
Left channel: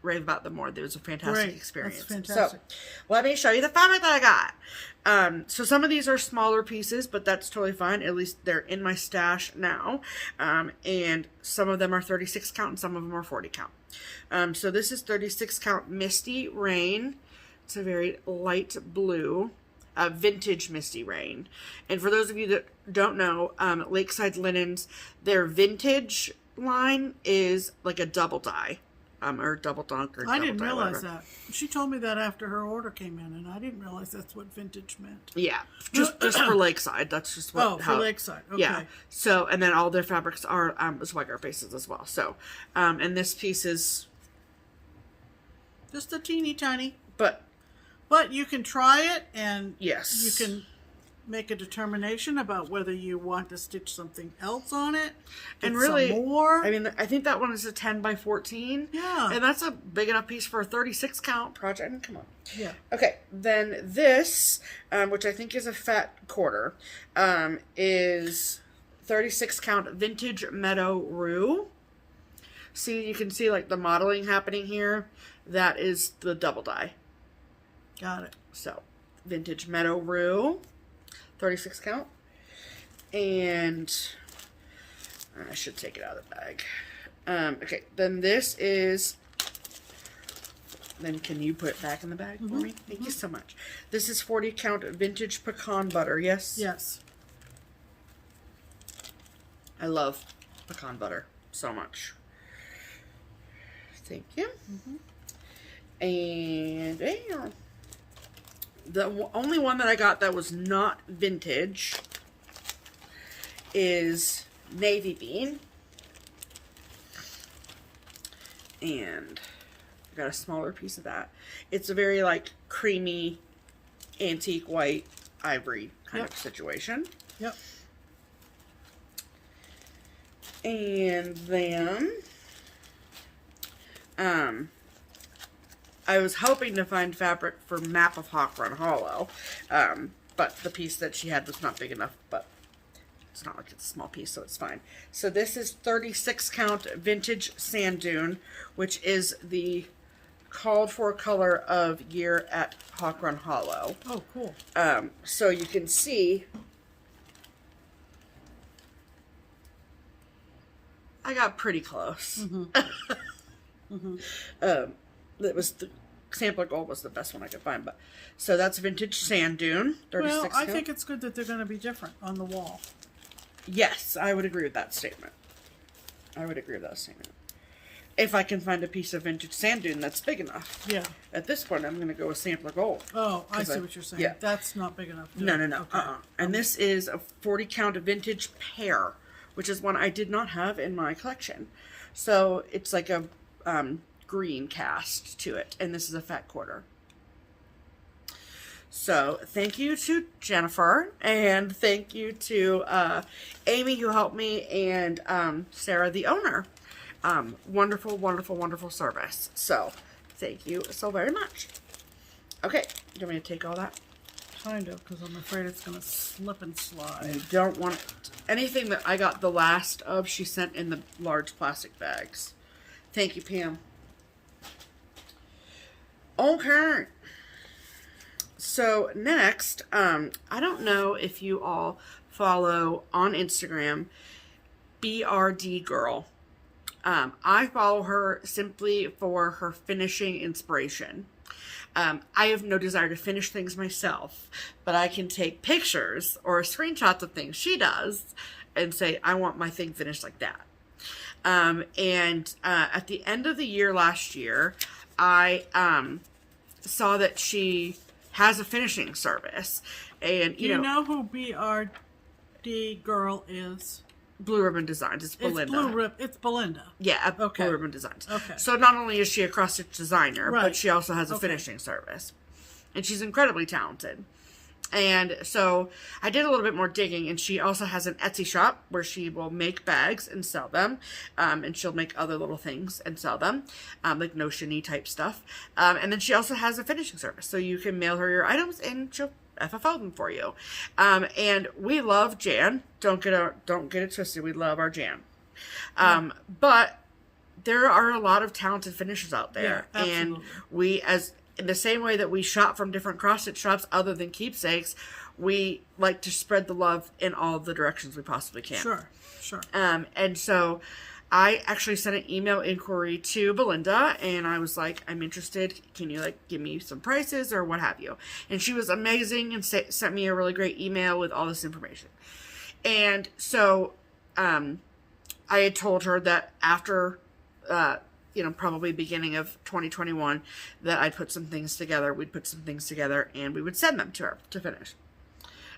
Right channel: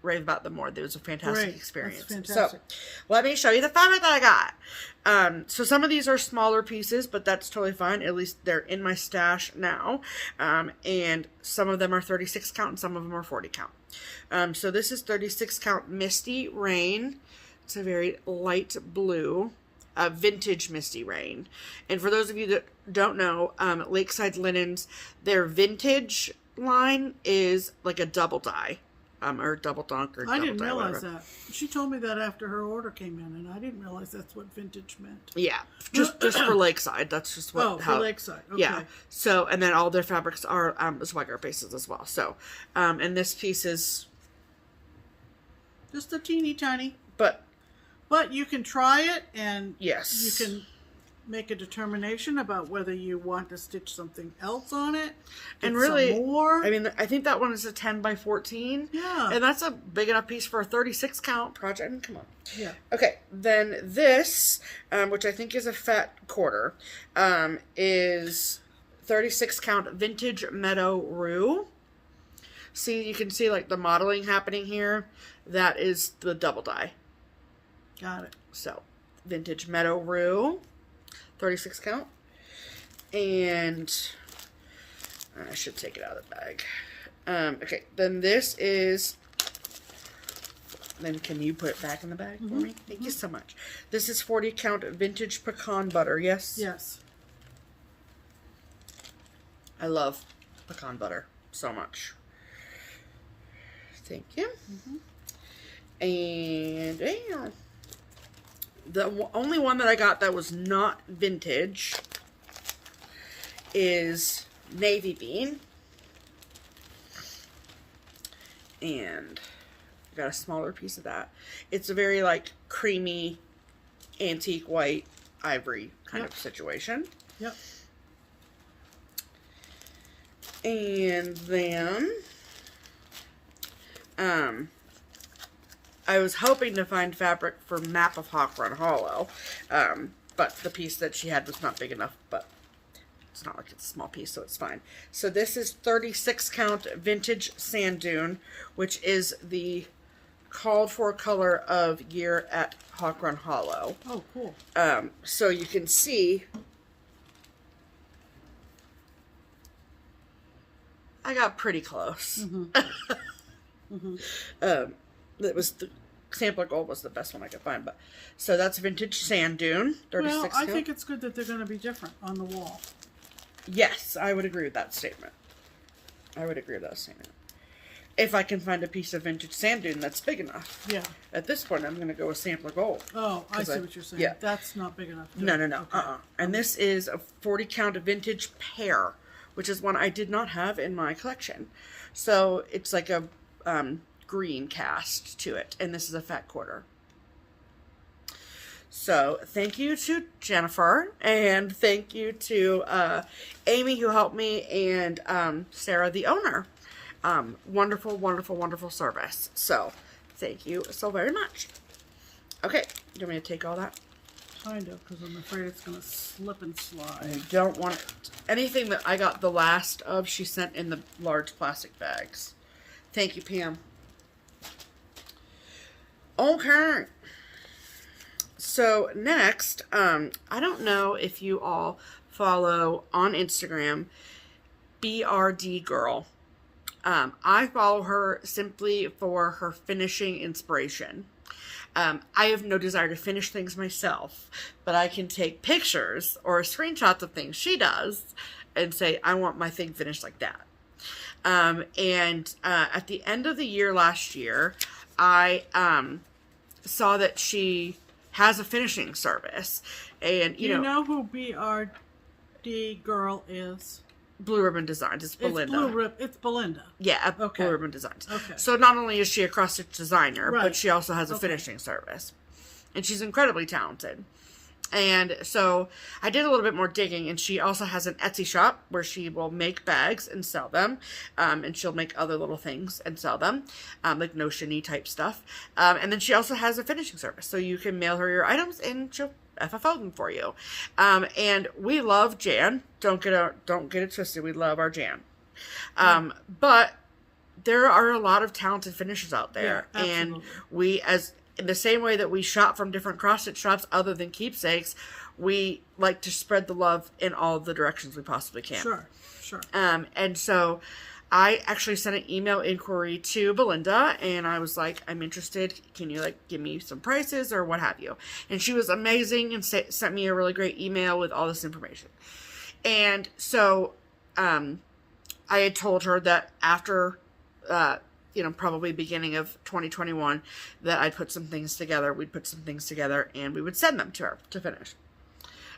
rave about them more. It was a fantastic experience. That's fantastic. So let me show you the fabric that I got. So some of these are smaller pieces, but that's totally fine. At least they're in my stash now. And some of them are 36 count and some of them are 40 count. So this is 36 count Misty Rain. It's a very light blue, vintage Misty Rain. And for those of you that don't know, Lakeside Linens, their vintage line is like a double dye. Or double dunk or double I didn't dye, realize whatever. that. She told me that after her order came in, and I didn't realize that's what vintage meant. Yeah, just for Lakeside. That's just what. For Lakeside. Okay. Yeah. So, and then all their fabrics are swagger bases as well. So, and this piece is just a teeny tiny. But you can try it, and yes, you can make a determination about whether you want to stitch something else on it. And really, some more. I mean, I think that one is a 10 by 14. Yeah. And that's a big enough piece for a 36 count project. I mean, come on. Yeah. Okay. Then this, which I think is a fat quarter, is 36 count Vintage Meadow Rue. See, you can see like the modeling happening here. That is the double dye. Got it. So, Vintage Meadow Rue. 36 count. And I should take it out of the bag. Okay, then this is, then can you put it back in the bag for me? Thank you so much. This is 40 count Vintage Pecan Butter, yes? Yes. I love pecan butter so much. Thank you. And the only one that I got that was not vintage is Navy Bean. And I got a smaller piece of that. It's a very like creamy, antique white ivory kind of situation. Yep. And then I was hoping to find fabric for Map of Hawk Run Hollow, but the piece that she had was not big enough, but it's not like it's a small piece, so it's fine. So this is 36 count Vintage Sand Dune, which is the called for color of year at Hawk Run Hollow. Oh, cool. So you can see I got pretty close. It was the Sampler Gold was the best one I could find, but so that's Vintage Sand Dune, 36 Well, I count. think it's good that they're going to be different on the wall. Yes, I would agree with that statement. I would agree with that statement. If I can find a piece of Vintage Sand Dune that's big enough. Yeah. At this point, I'm going to go with Sampler Gold. Oh, I see what you're saying. Yeah. That's not big enough. No. Okay. And this is a 40 count Vintage Pear, which is one I did not have in my collection. So it's like a green cast to it, and this is a fat quarter. So thank you to Jennifer, and thank you to Amy, who helped me, and Sarah, the owner. Wonderful, wonderful, wonderful service. So thank you so very much. Okay, do you want me to take all that? Kind of, because I'm afraid it's going to slip and slide. I don't want it. Anything that I got the last of, she sent in the large plastic bags. Thank you, Pam. Okay. So next, I don't know if you all follow on Instagram, BRD Girl. I follow her simply for her finishing inspiration. I have no desire to finish things myself, but I can take pictures or screenshots of things she does and say, I want my thing finished like that. At the end of the year last year, I saw that she has a finishing service. And, Do you know who BRD Girl is? Blue Ribbon Designs. It's Belinda. It's Belinda. Yeah, okay. Blue Ribbon Designs. Okay. So not only is she a cross-stitch designer, right. but she also has a finishing service. And she's incredibly talented. And so I did a little bit more digging, and she also has an Etsy shop where she will make bags and sell them. And she'll make other little things and sell them, like notion-y type stuff. And then she also has a finishing service. So you can mail her your items, and she'll FFO them for you. And we love Jan. Don't get it twisted. We love our Jan. But there are a lot of talented finishers out there. Yeah, and we, as in the same way that we shop from different cross-stitch shops other than Keepsakes, we like to spread the love in all the directions we possibly can. Sure. And so I actually sent an email inquiry to Belinda, and I was like, I'm interested. Can you give me some prices or what have you? And she was amazing and sent me a really great email with all this information. And so I had told her that after, probably beginning of 2021, that I'd put some things together. We'd put some things together, and we would send them to her to finish.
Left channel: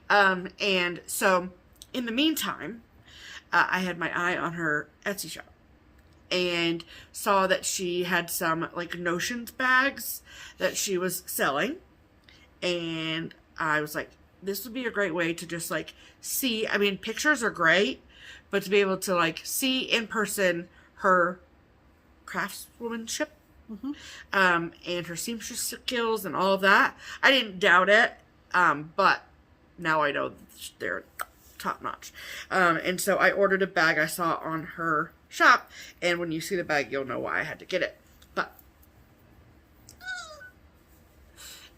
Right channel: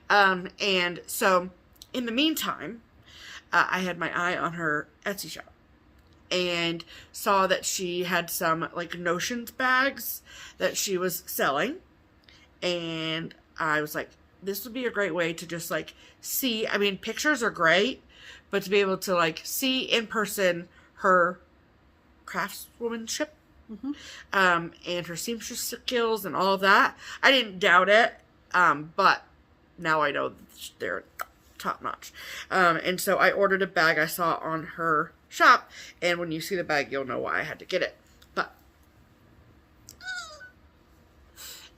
And so in the meantime, I had my eye on her Etsy shop and saw that she had some notions bags that she was selling. And I was like, this would be a great way to just see, pictures are great, but to be able to see in person her craftswomanship, and her seamstress skills and all of that. I didn't doubt it, but now I know they're top notch. And so I ordered a bag I saw on her shop, and when you see the bag, you'll know why I had to get it.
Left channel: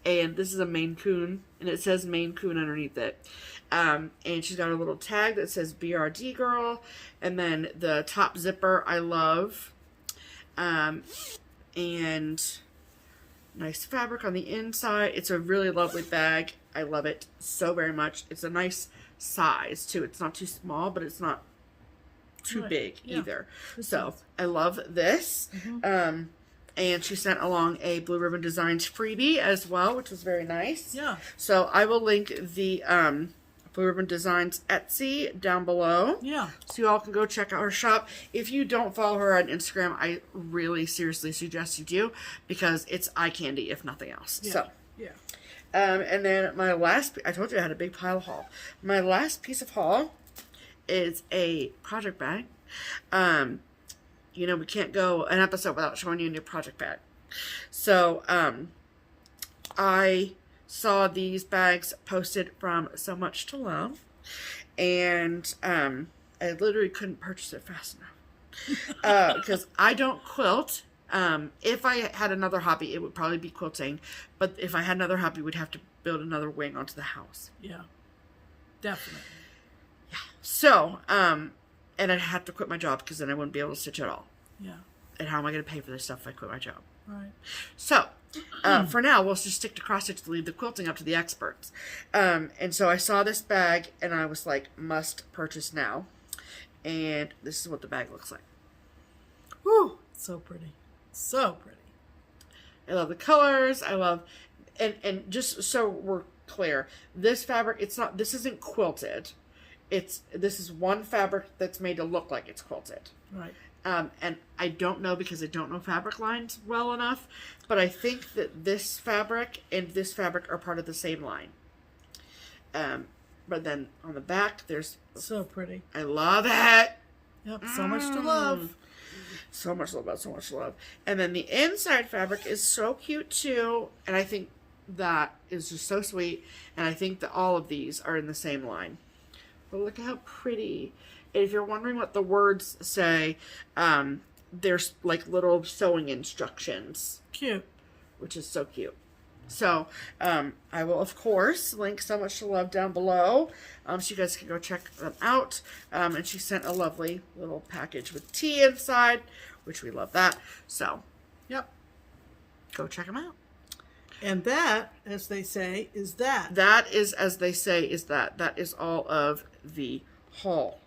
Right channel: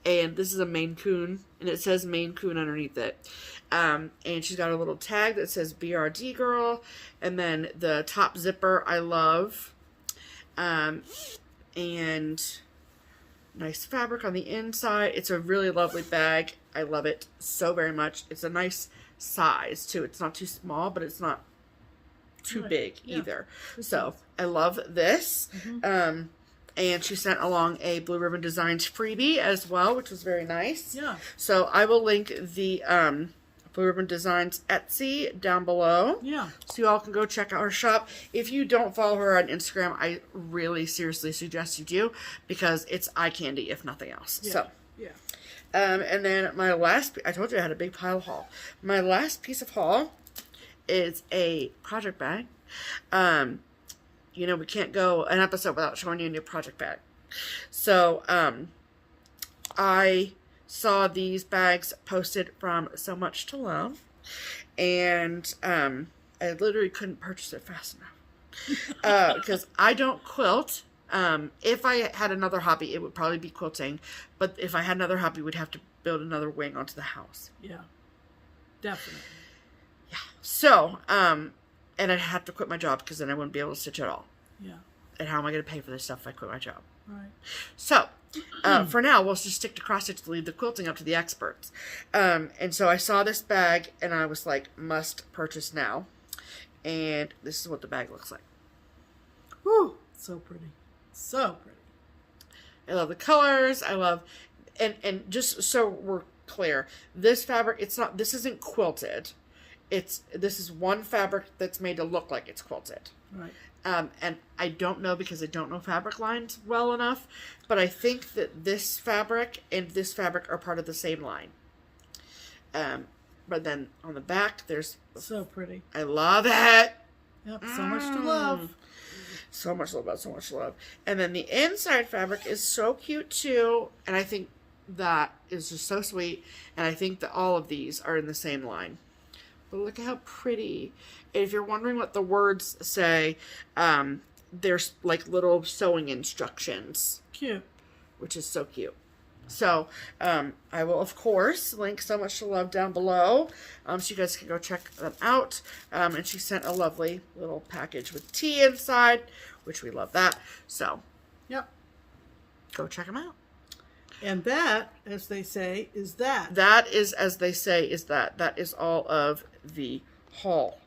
And this is a Maine Coon, and it says Maine Coon underneath it. And she's got a little tag that says BRD Girl, and then the top zipper I love. And nice fabric on the inside. It's a really lovely bag. I love it so very much. It's a nice size too. It's not too small, but it's not too big either. So I love this. And she sent along a Blue Ribbon Designs freebie as well, which was very nice. Yeah. So I will link the Blue Ribbon Designs Etsy down below. Yeah. So you all can go check out her shop. If you don't follow her on Instagram, I really seriously suggest you do, because it's eye candy if nothing else. Yeah. So. Yeah. And then my last, I told you I had a big pile of haul. My last piece of haul is a project bag. We can't go an episode without showing you a new project bag. So, I saw these bags posted from So Much to Love, and I literally couldn't purchase it fast enough because I don't quilt. If I had another hobby, it would probably be quilting, but if I had another hobby, we'd have to build another wing onto the house. Yeah, definitely. Yeah. So, and I'd have to quit my job, because then I wouldn't be able to stitch at all. Yeah. And how am I going to pay for this stuff if I quit my job? Right. So, for now, we'll just stick to cross-stitch to leave the quilting up to the experts. And so I saw this bag, and I was like, must purchase now. And this is what the bag looks like. Whew, so pretty. So pretty. I love the colors. I love, and just so we're clear, this fabric, this isn't quilted. this is one fabric that's made to look like it's quilted. Right. And I don't know because I don't know fabric lines well enough, but I think that this fabric and this fabric are part of the same line. But then on the back, there's... So pretty. I love it. Yep, so much to love. So much love, so much love. And then the inside fabric is so cute too, and I think that is just so sweet, and I think that all of these are in the same line. But look how pretty. And if you're wondering what the words say, there's like little sewing instructions. Cute. Which is so cute. So, I will, of course, link So Much to Love down below, so you guys can go check them out. And she sent a lovely little package with tea inside, which we love that. So, yep. Go check them out. And that, as they say, is that. That is, as they say, is that. That is all of the haul.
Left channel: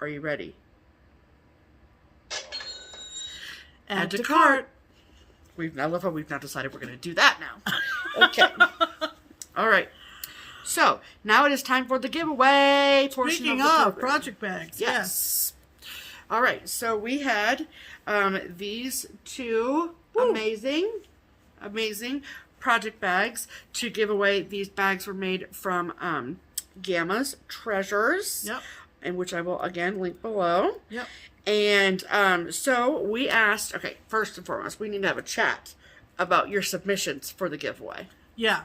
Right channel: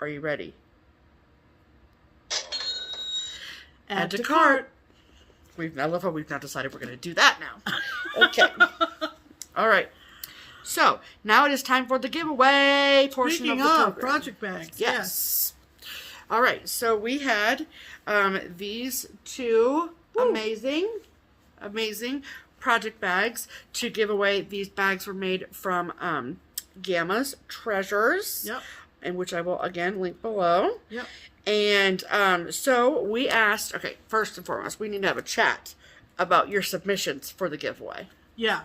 Are you ready? Add to cart. I love how we've now decided we're going to do that now. Okay. All right. So, now it is time for the giveaway portion of the program. project bags. Yes. All right. So, we had these two amazing project bags to give away. These bags were made from Gammas Treasures. Yep. And which I will, again, link below. Yep. And so we asked, okay, first and foremost, we need to have a chat about your submissions for the giveaway. Yeah.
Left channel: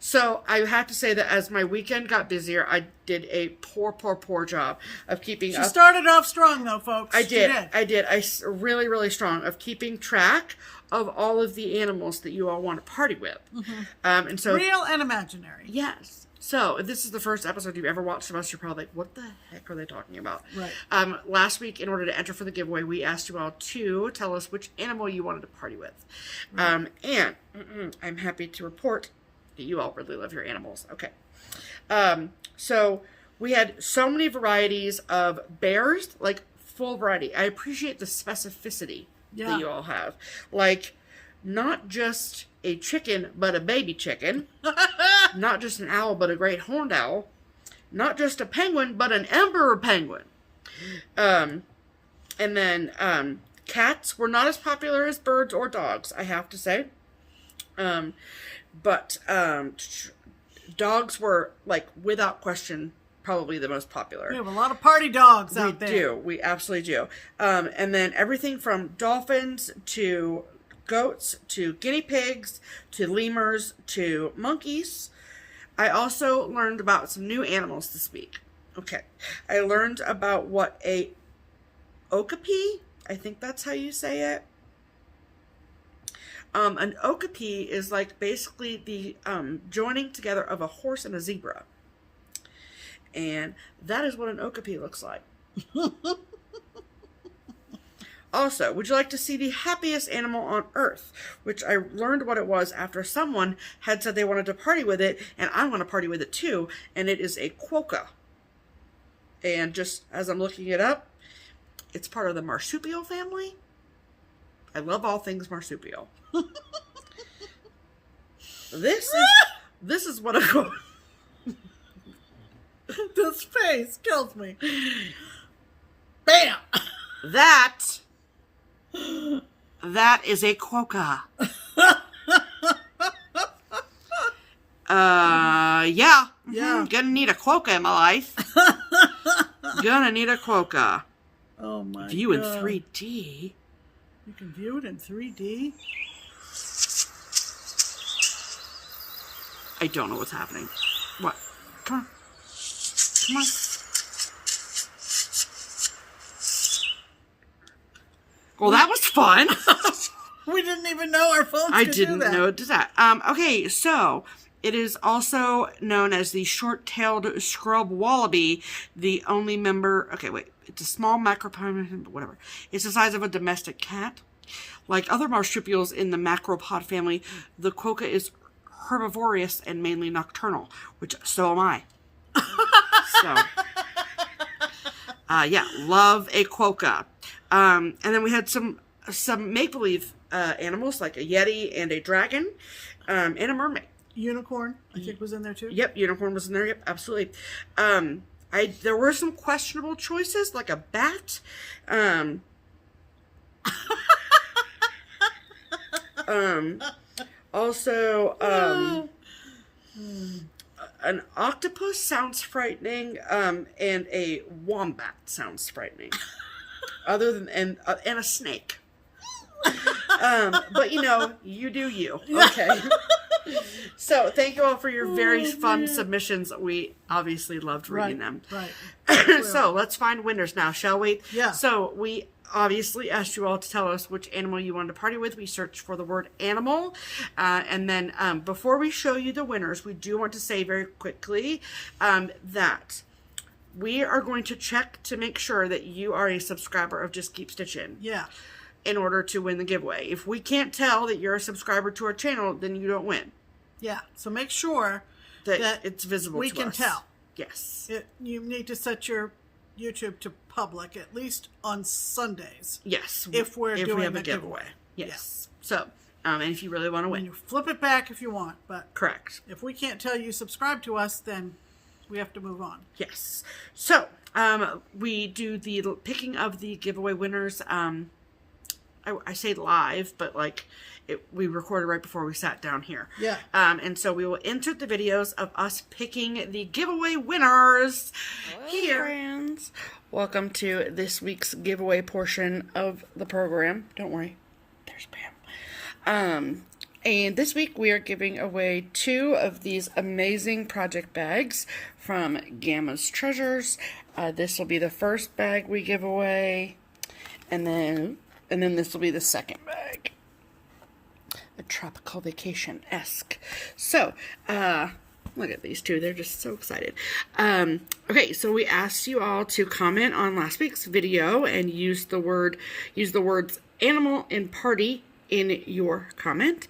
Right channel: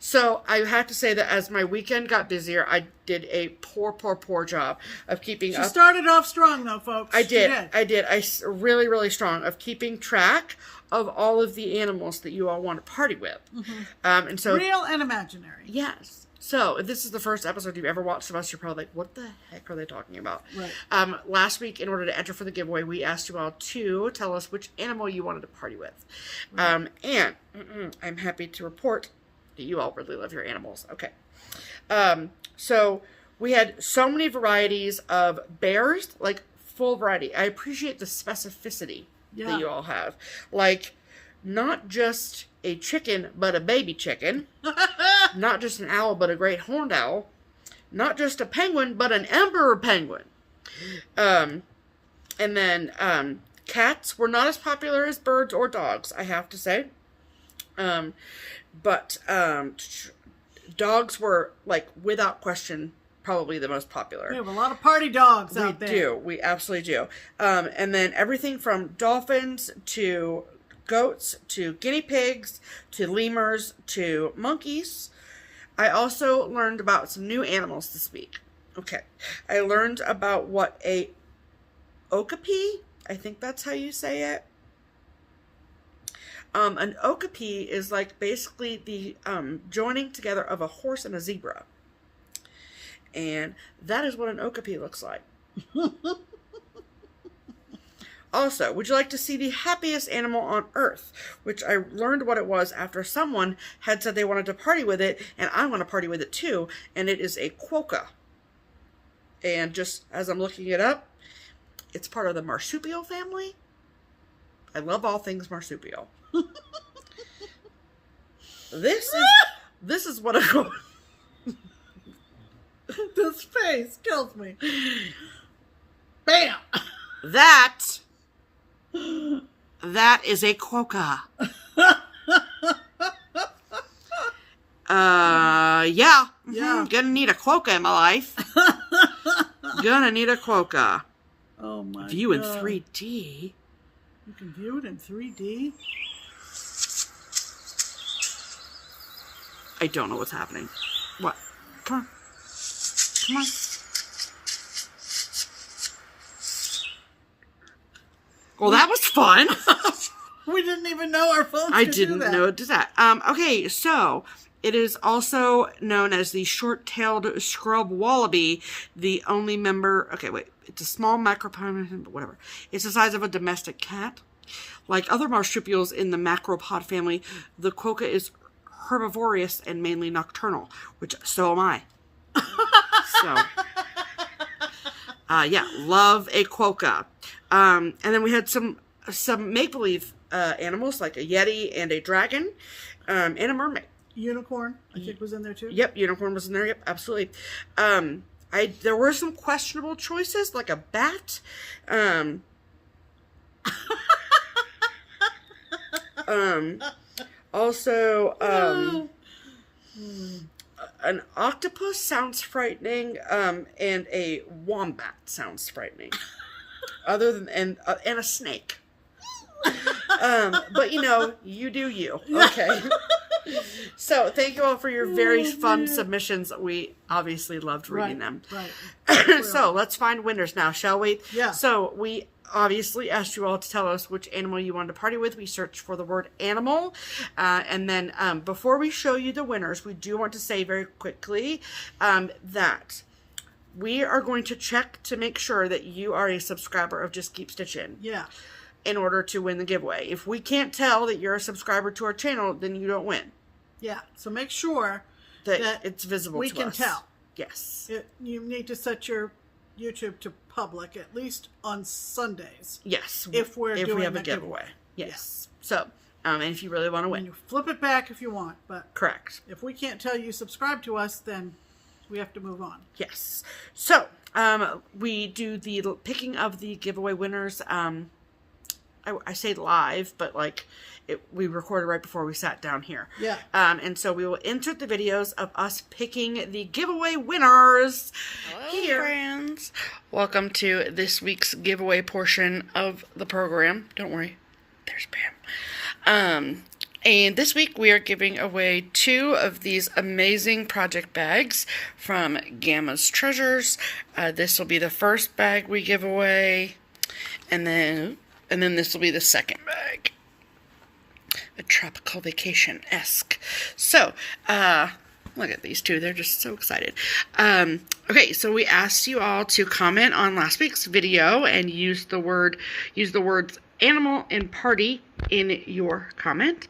So I have to say that as my weekend got busier, I did a poor job of keeping up. She started off strong, though, folks. I did. Really, really strong of keeping track of all of the animals that you all want to party with. Mm-hmm. And so real and imaginary. Yes. So, if this is the first episode you've ever watched of us, you're probably like, what the heck are they talking about? Right. Last week, in order to enter for the giveaway, we asked you all to tell us which animal you wanted to party with. Right. And I'm happy to report that you all really love your animals. Okay. So, we had so many varieties of bears, like full variety. I appreciate the specificity that you all have. Like, not just a chicken, but a baby chicken. Not just an owl, but a great horned owl. Not just a penguin, but an emperor penguin. And then cats were not as popular as birds or dogs, I have to say. But dogs were, like, without question, probably the most popular. We have a lot of party dogs out there. We do. We absolutely do. And then everything from dolphins to goats to guinea pigs to lemurs to monkeys. I also learned about some new animals this week. Okay. I learned about what a okapi, I think that's how you say it. An okapi is like basically the joining together of a horse and a zebra. And that is what an okapi looks like. Also, would you like to see the happiest animal on earth? Which I learned what it was after someone had said they wanted to party with it, and I want to party with it too, and it is a quokka. And just as I'm looking it up, it's part of the marsupial family. I love all things marsupial. This is what I go. This face kills me. Bam! That is a quokka. Yeah. Yeah. Gonna need a quokka in my life. Gonna need a quokka. Oh my View in God. 3D. You can view it in 3D? I don't know what's happening. What? Come on. Come on. Well, that was fun. We didn't even know our phones I could do didn't that. know it did that. Okay, so it is also known as the short-tailed scrub wallaby, the only member... Okay, wait. It's a small macropod, whatever. It's the size of a domestic cat. Like other marsupials in the macropod family, the quokka is herbivorous and mainly nocturnal, which so am I. So, yeah, love a quokka. And then we had some make-believe animals, like a yeti and a dragon, and a mermaid. Unicorn, I think, was in there too. Yep, unicorn was in there. Yep, absolutely. there were some questionable choices, like a bat. Also, an octopus sounds frightening, and a wombat sounds frightening. Other than, and a snake. But you know, you do you. Okay. So thank you all for your very fun submissions. We obviously loved reading them. Right. So let's find winners now, shall we? Yeah. So we obviously asked you all to tell us which animal you wanted to party with. We searched for the word animal. And then before we show you the winners, we do want to say very quickly that we are going to check to make sure that you are a subscriber of Just Keep Stitchin'. Yeah. In order to win the giveaway. If we can't tell that you're a subscriber to our channel, then you don't win. Yeah. So make sure that it's visible to us. We can tell. Yes. You need to set your YouTube to public, at least on Sundays. Yes. If we have a giveaway. Yes. Yeah. So, and if you really want to win. You flip it back if you want, but correct. If we can't tell you subscribe to us, then we have to move on. Yes. So, we do the picking of the giveaway winners. I say live, but like we recorded right before we sat down here. Yeah. And so we will insert the videos of us picking the giveaway winners. Hello, here. Friends. Welcome to this week's giveaway portion of the program. Don't worry, there's Pam. And this week we are giving away 2 of these amazing project bags from Gamma's Treasures. This will be the first bag we give away, and then this will be the second bag. A tropical vacation-esque. So, look at these 2. They're just so excited. Okay, so we asked you all to comment on last week's video and use the words animal and party in your comment.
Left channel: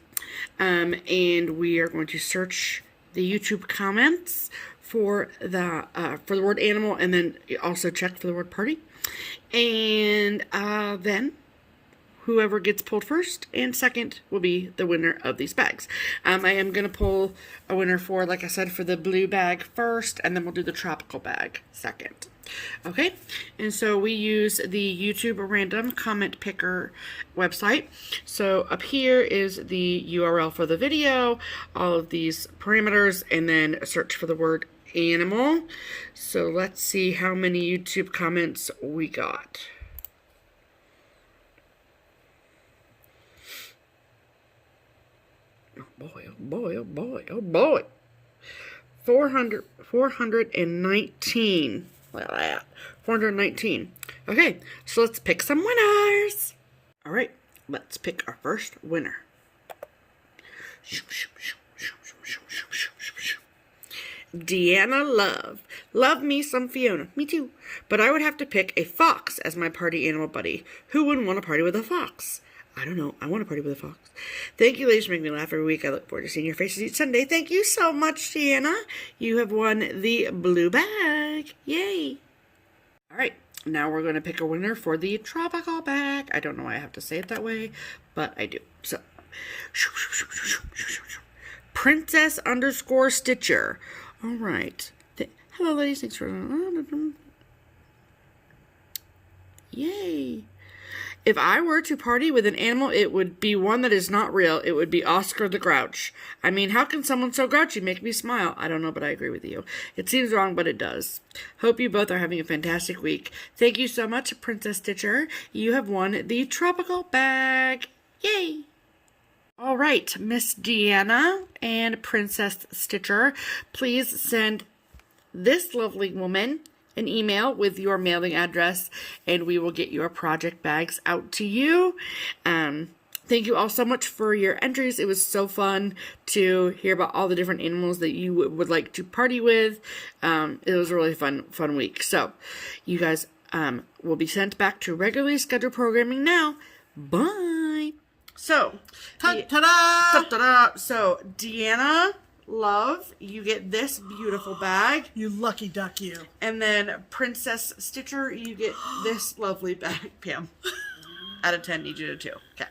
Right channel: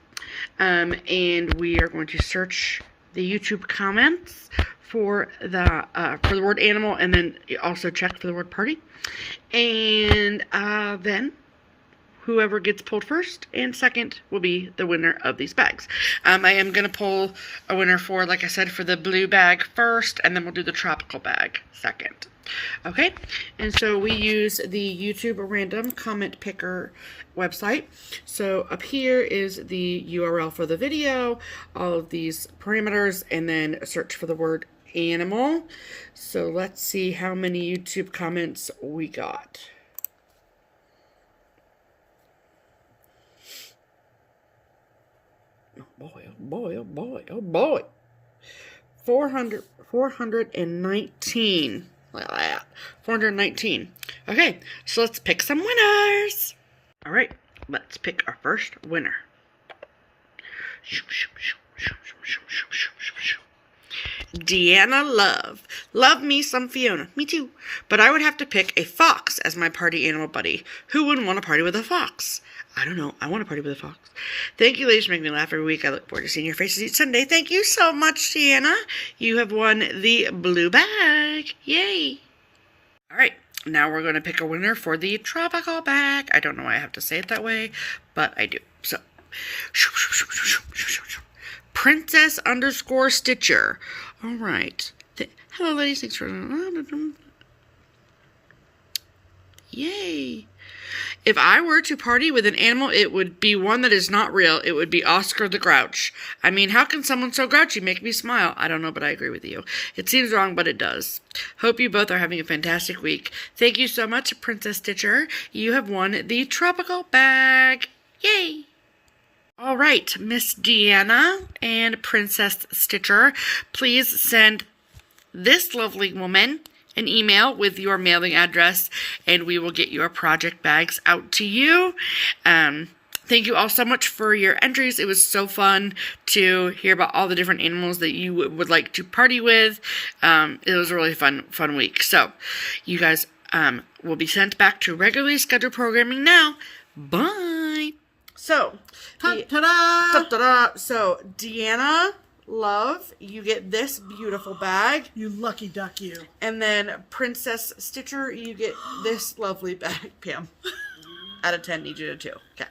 And we are going to search the YouTube comments for the word animal, and then also check for the word party. And then whoever gets pulled first and second will be the winner of these bags. I am going to pull a winner for, like I said, for the blue bag first, and then we'll do the tropical bag second. Okay, and so we use the YouTube random comment picker website. So up here is the URL for the video, all of these parameters, and then search for the word animal. So let's see how many YouTube comments we got. Oh boy, oh boy, oh boy, oh boy. 419. Look at that. 419. Okay, so let's pick some winners. All right, let's pick our first winner. Deanna Love. Love me some Fiona. Me too. But I would have to pick a fox as my party animal buddy. Who wouldn't want to party with a fox? I don't know. I want to party with a fox. Thank you, ladies, for making me laugh every week. I look forward to seeing your faces each Sunday. Thank you so much, Deanna. You have won the blue bag. Yay. All right. Now we're going to pick a winner for the tropical bag. I don't know why I have to say it that way, but I do. So, Princess_Stitcher. All right. Hello, ladies. Thanks for... Yay. If I were to party with an animal, it would be one that is not real. It would be Oscar the Grouch. I mean, how can someone so grouchy make me smile? I don't know, but I agree with you. It seems wrong, but it does. Hope you both are having a fantastic week. Thank you so much, Princess Stitcher. You have won the tropical bag. Yay! All right, Miss Deanna and Princess Stitcher, please send this lovely woman an email with your mailing address, and we will get your project bags out to you. Thank you all so much for your entries. It was so fun to hear about all the different animals that you would like to party with. It was a really fun week. So you guys will be sent back to regularly scheduled programming now. Bye. So, Ta-da! So Deanna Love, you get this beautiful bag. You lucky duck, you. And then Princess Stitcher, you get this lovely bag. Pam, out of 10, need you to 2. Okay.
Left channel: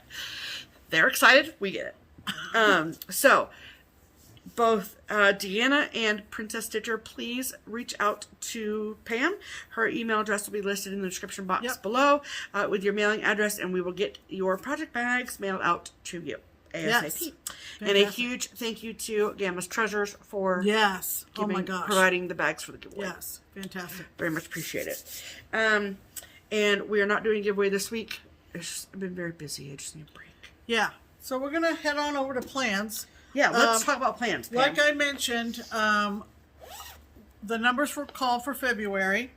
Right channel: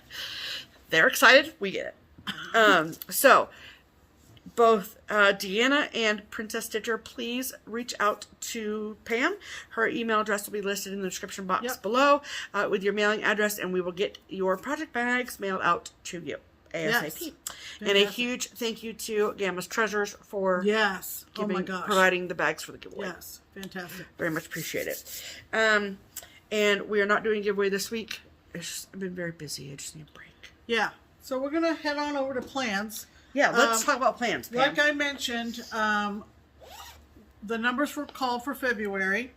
They're excited. We get it. So, both Deanna and Princess Stitcher, please reach out to Pam. Her email address will be listed in the description box below with your mailing address, and we will get your project bags mailed out to you ASAP. Yes. And a huge thank you to Gammas Treasures for providing the bags for the giveaway. Yes, fantastic. Very much appreciate it. And we are not doing a giveaway this week. I've been very busy. I just need a break. Yeah. So we're going to head on over to plans. Yeah, let's talk about plans, Pam. Like I mentioned, the numbers were called for February.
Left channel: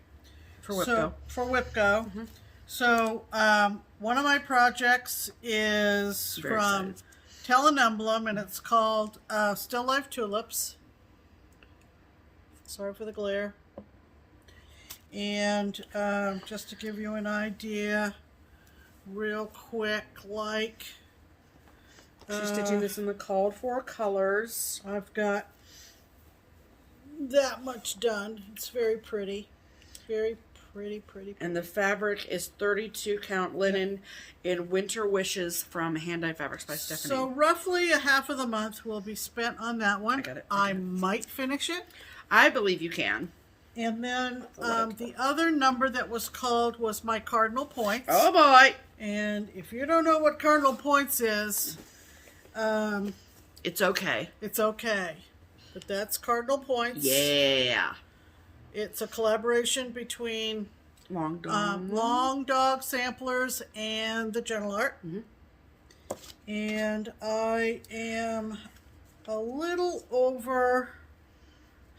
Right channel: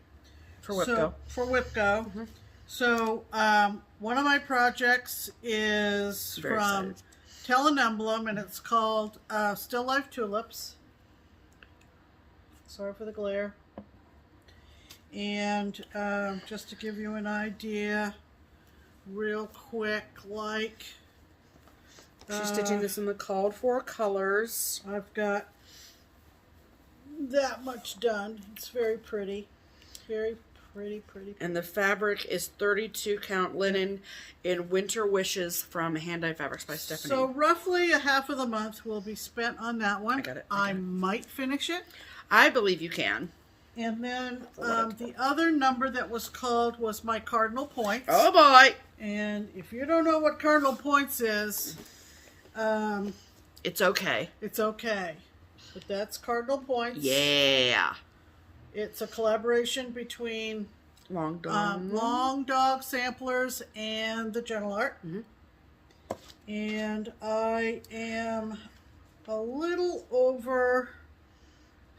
For WIPGO. For WIPGO. So one of my projects is from Tell an Emblem, and it's called Still Life Tulips. Sorry for the glare. And just to give you an idea, real quick, like... She's stitching this in the called for colors. I've got that much done. It's very pretty. Very pretty. And the fabric is 32 count linen in Winter Wishes from Hand Dye Fabrics by Stephanie. So roughly a half of the month will be spent on that one. I got it. I might finish it. I believe you can. And then the other number that was called was my cardinal points. Oh boy! And if you don't know what cardinal points is... it's okay. It's okay. But that's cardinal points. Yeah. It's a collaboration between Long Dog Samplers and the Gentle Art. And I am a little over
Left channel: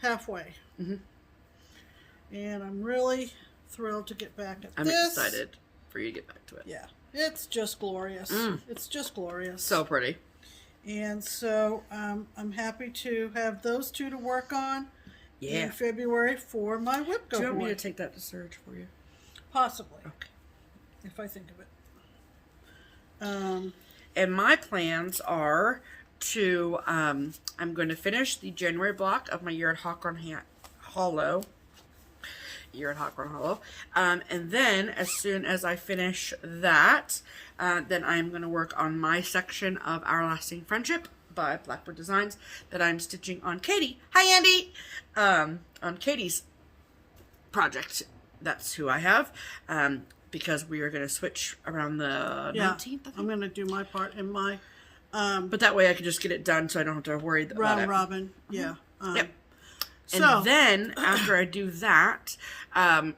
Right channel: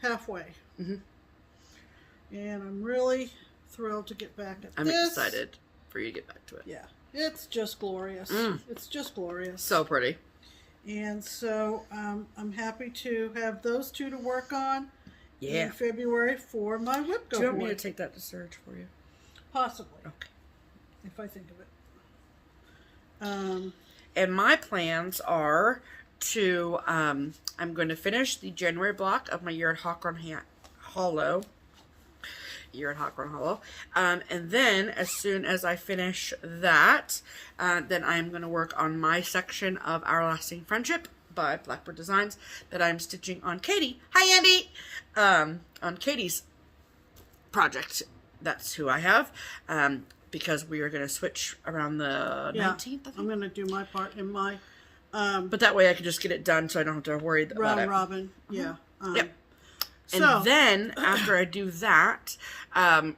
halfway. And I'm really thrilled to get back at this. I'm excited for you to get back to it. Yeah. It's just glorious. It's just glorious. So pretty. And so I'm happy to have those two to work on in February for my WIPGO. Do you want me to take that to Serge for you? Possibly. Okay. If I think of it. And my plans are to, I'm going to finish the January block of my Year at Hawthorne Hollow. And then as soon as I finish that, then I'm going to work on my section of Our Lasting Friendship by Blackbird Designs that I'm stitching on Katie. Hi, Andy! On Katie's project. That's who I have. Because we are going to switch around the 19th, I think. I'm going to do my part in my... but that way I can just get it done so I don't have to worry about it. Robin, yeah. Yep. And then, after I do that,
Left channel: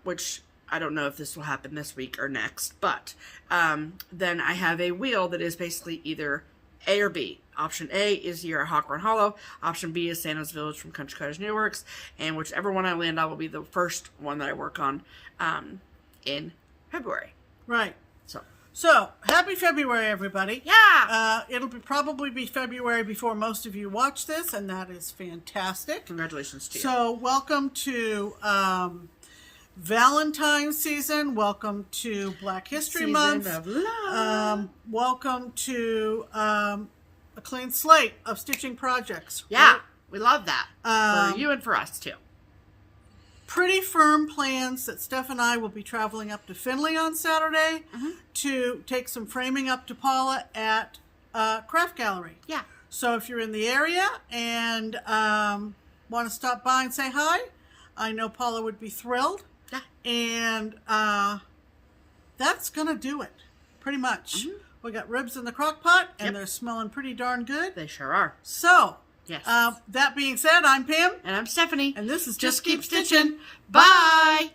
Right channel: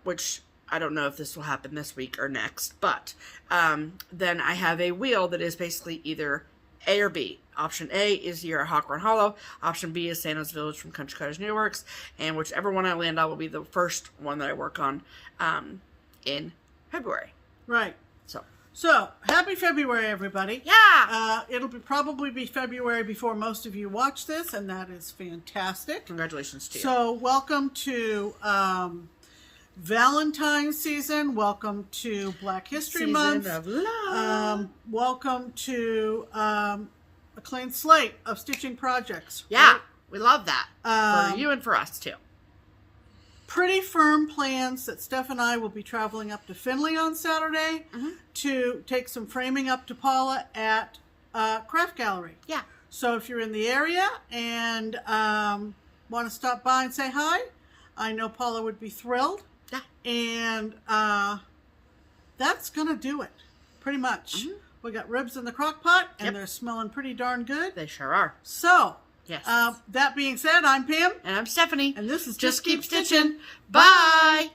which I don't know if this will happen this week or next, but then I have a wheel that is basically either A or B. Option A is your Hawthorne Hollow. Option B is Santa's Village from Country Cottage Needleworks. And whichever one I land on will be the first one that I work on in February. Right. So, happy February, everybody. Yeah! It'll probably be February before most of you watch this, and that is fantastic. Congratulations to you. So, welcome to Valentine's season. Welcome to Black History Month. Season of love. Welcome to a clean slate of stitching projects. Yeah, right? we love that. For you and for us, too. Pretty firm plans that Steph and I will be traveling up to Findlay on Saturday to take some framing up to Paula at Craft Gallery. Yeah. So if you're in the area and want to stop by and say hi, I know Paula would be thrilled. Yeah. And that's going to do it, pretty much. We got ribs in the crock pot, and they're smelling pretty darn good. They sure are. So... Yes. That being said, I'm Pam. And I'm Stephanie. And this is Just Keep Stitching. Bye!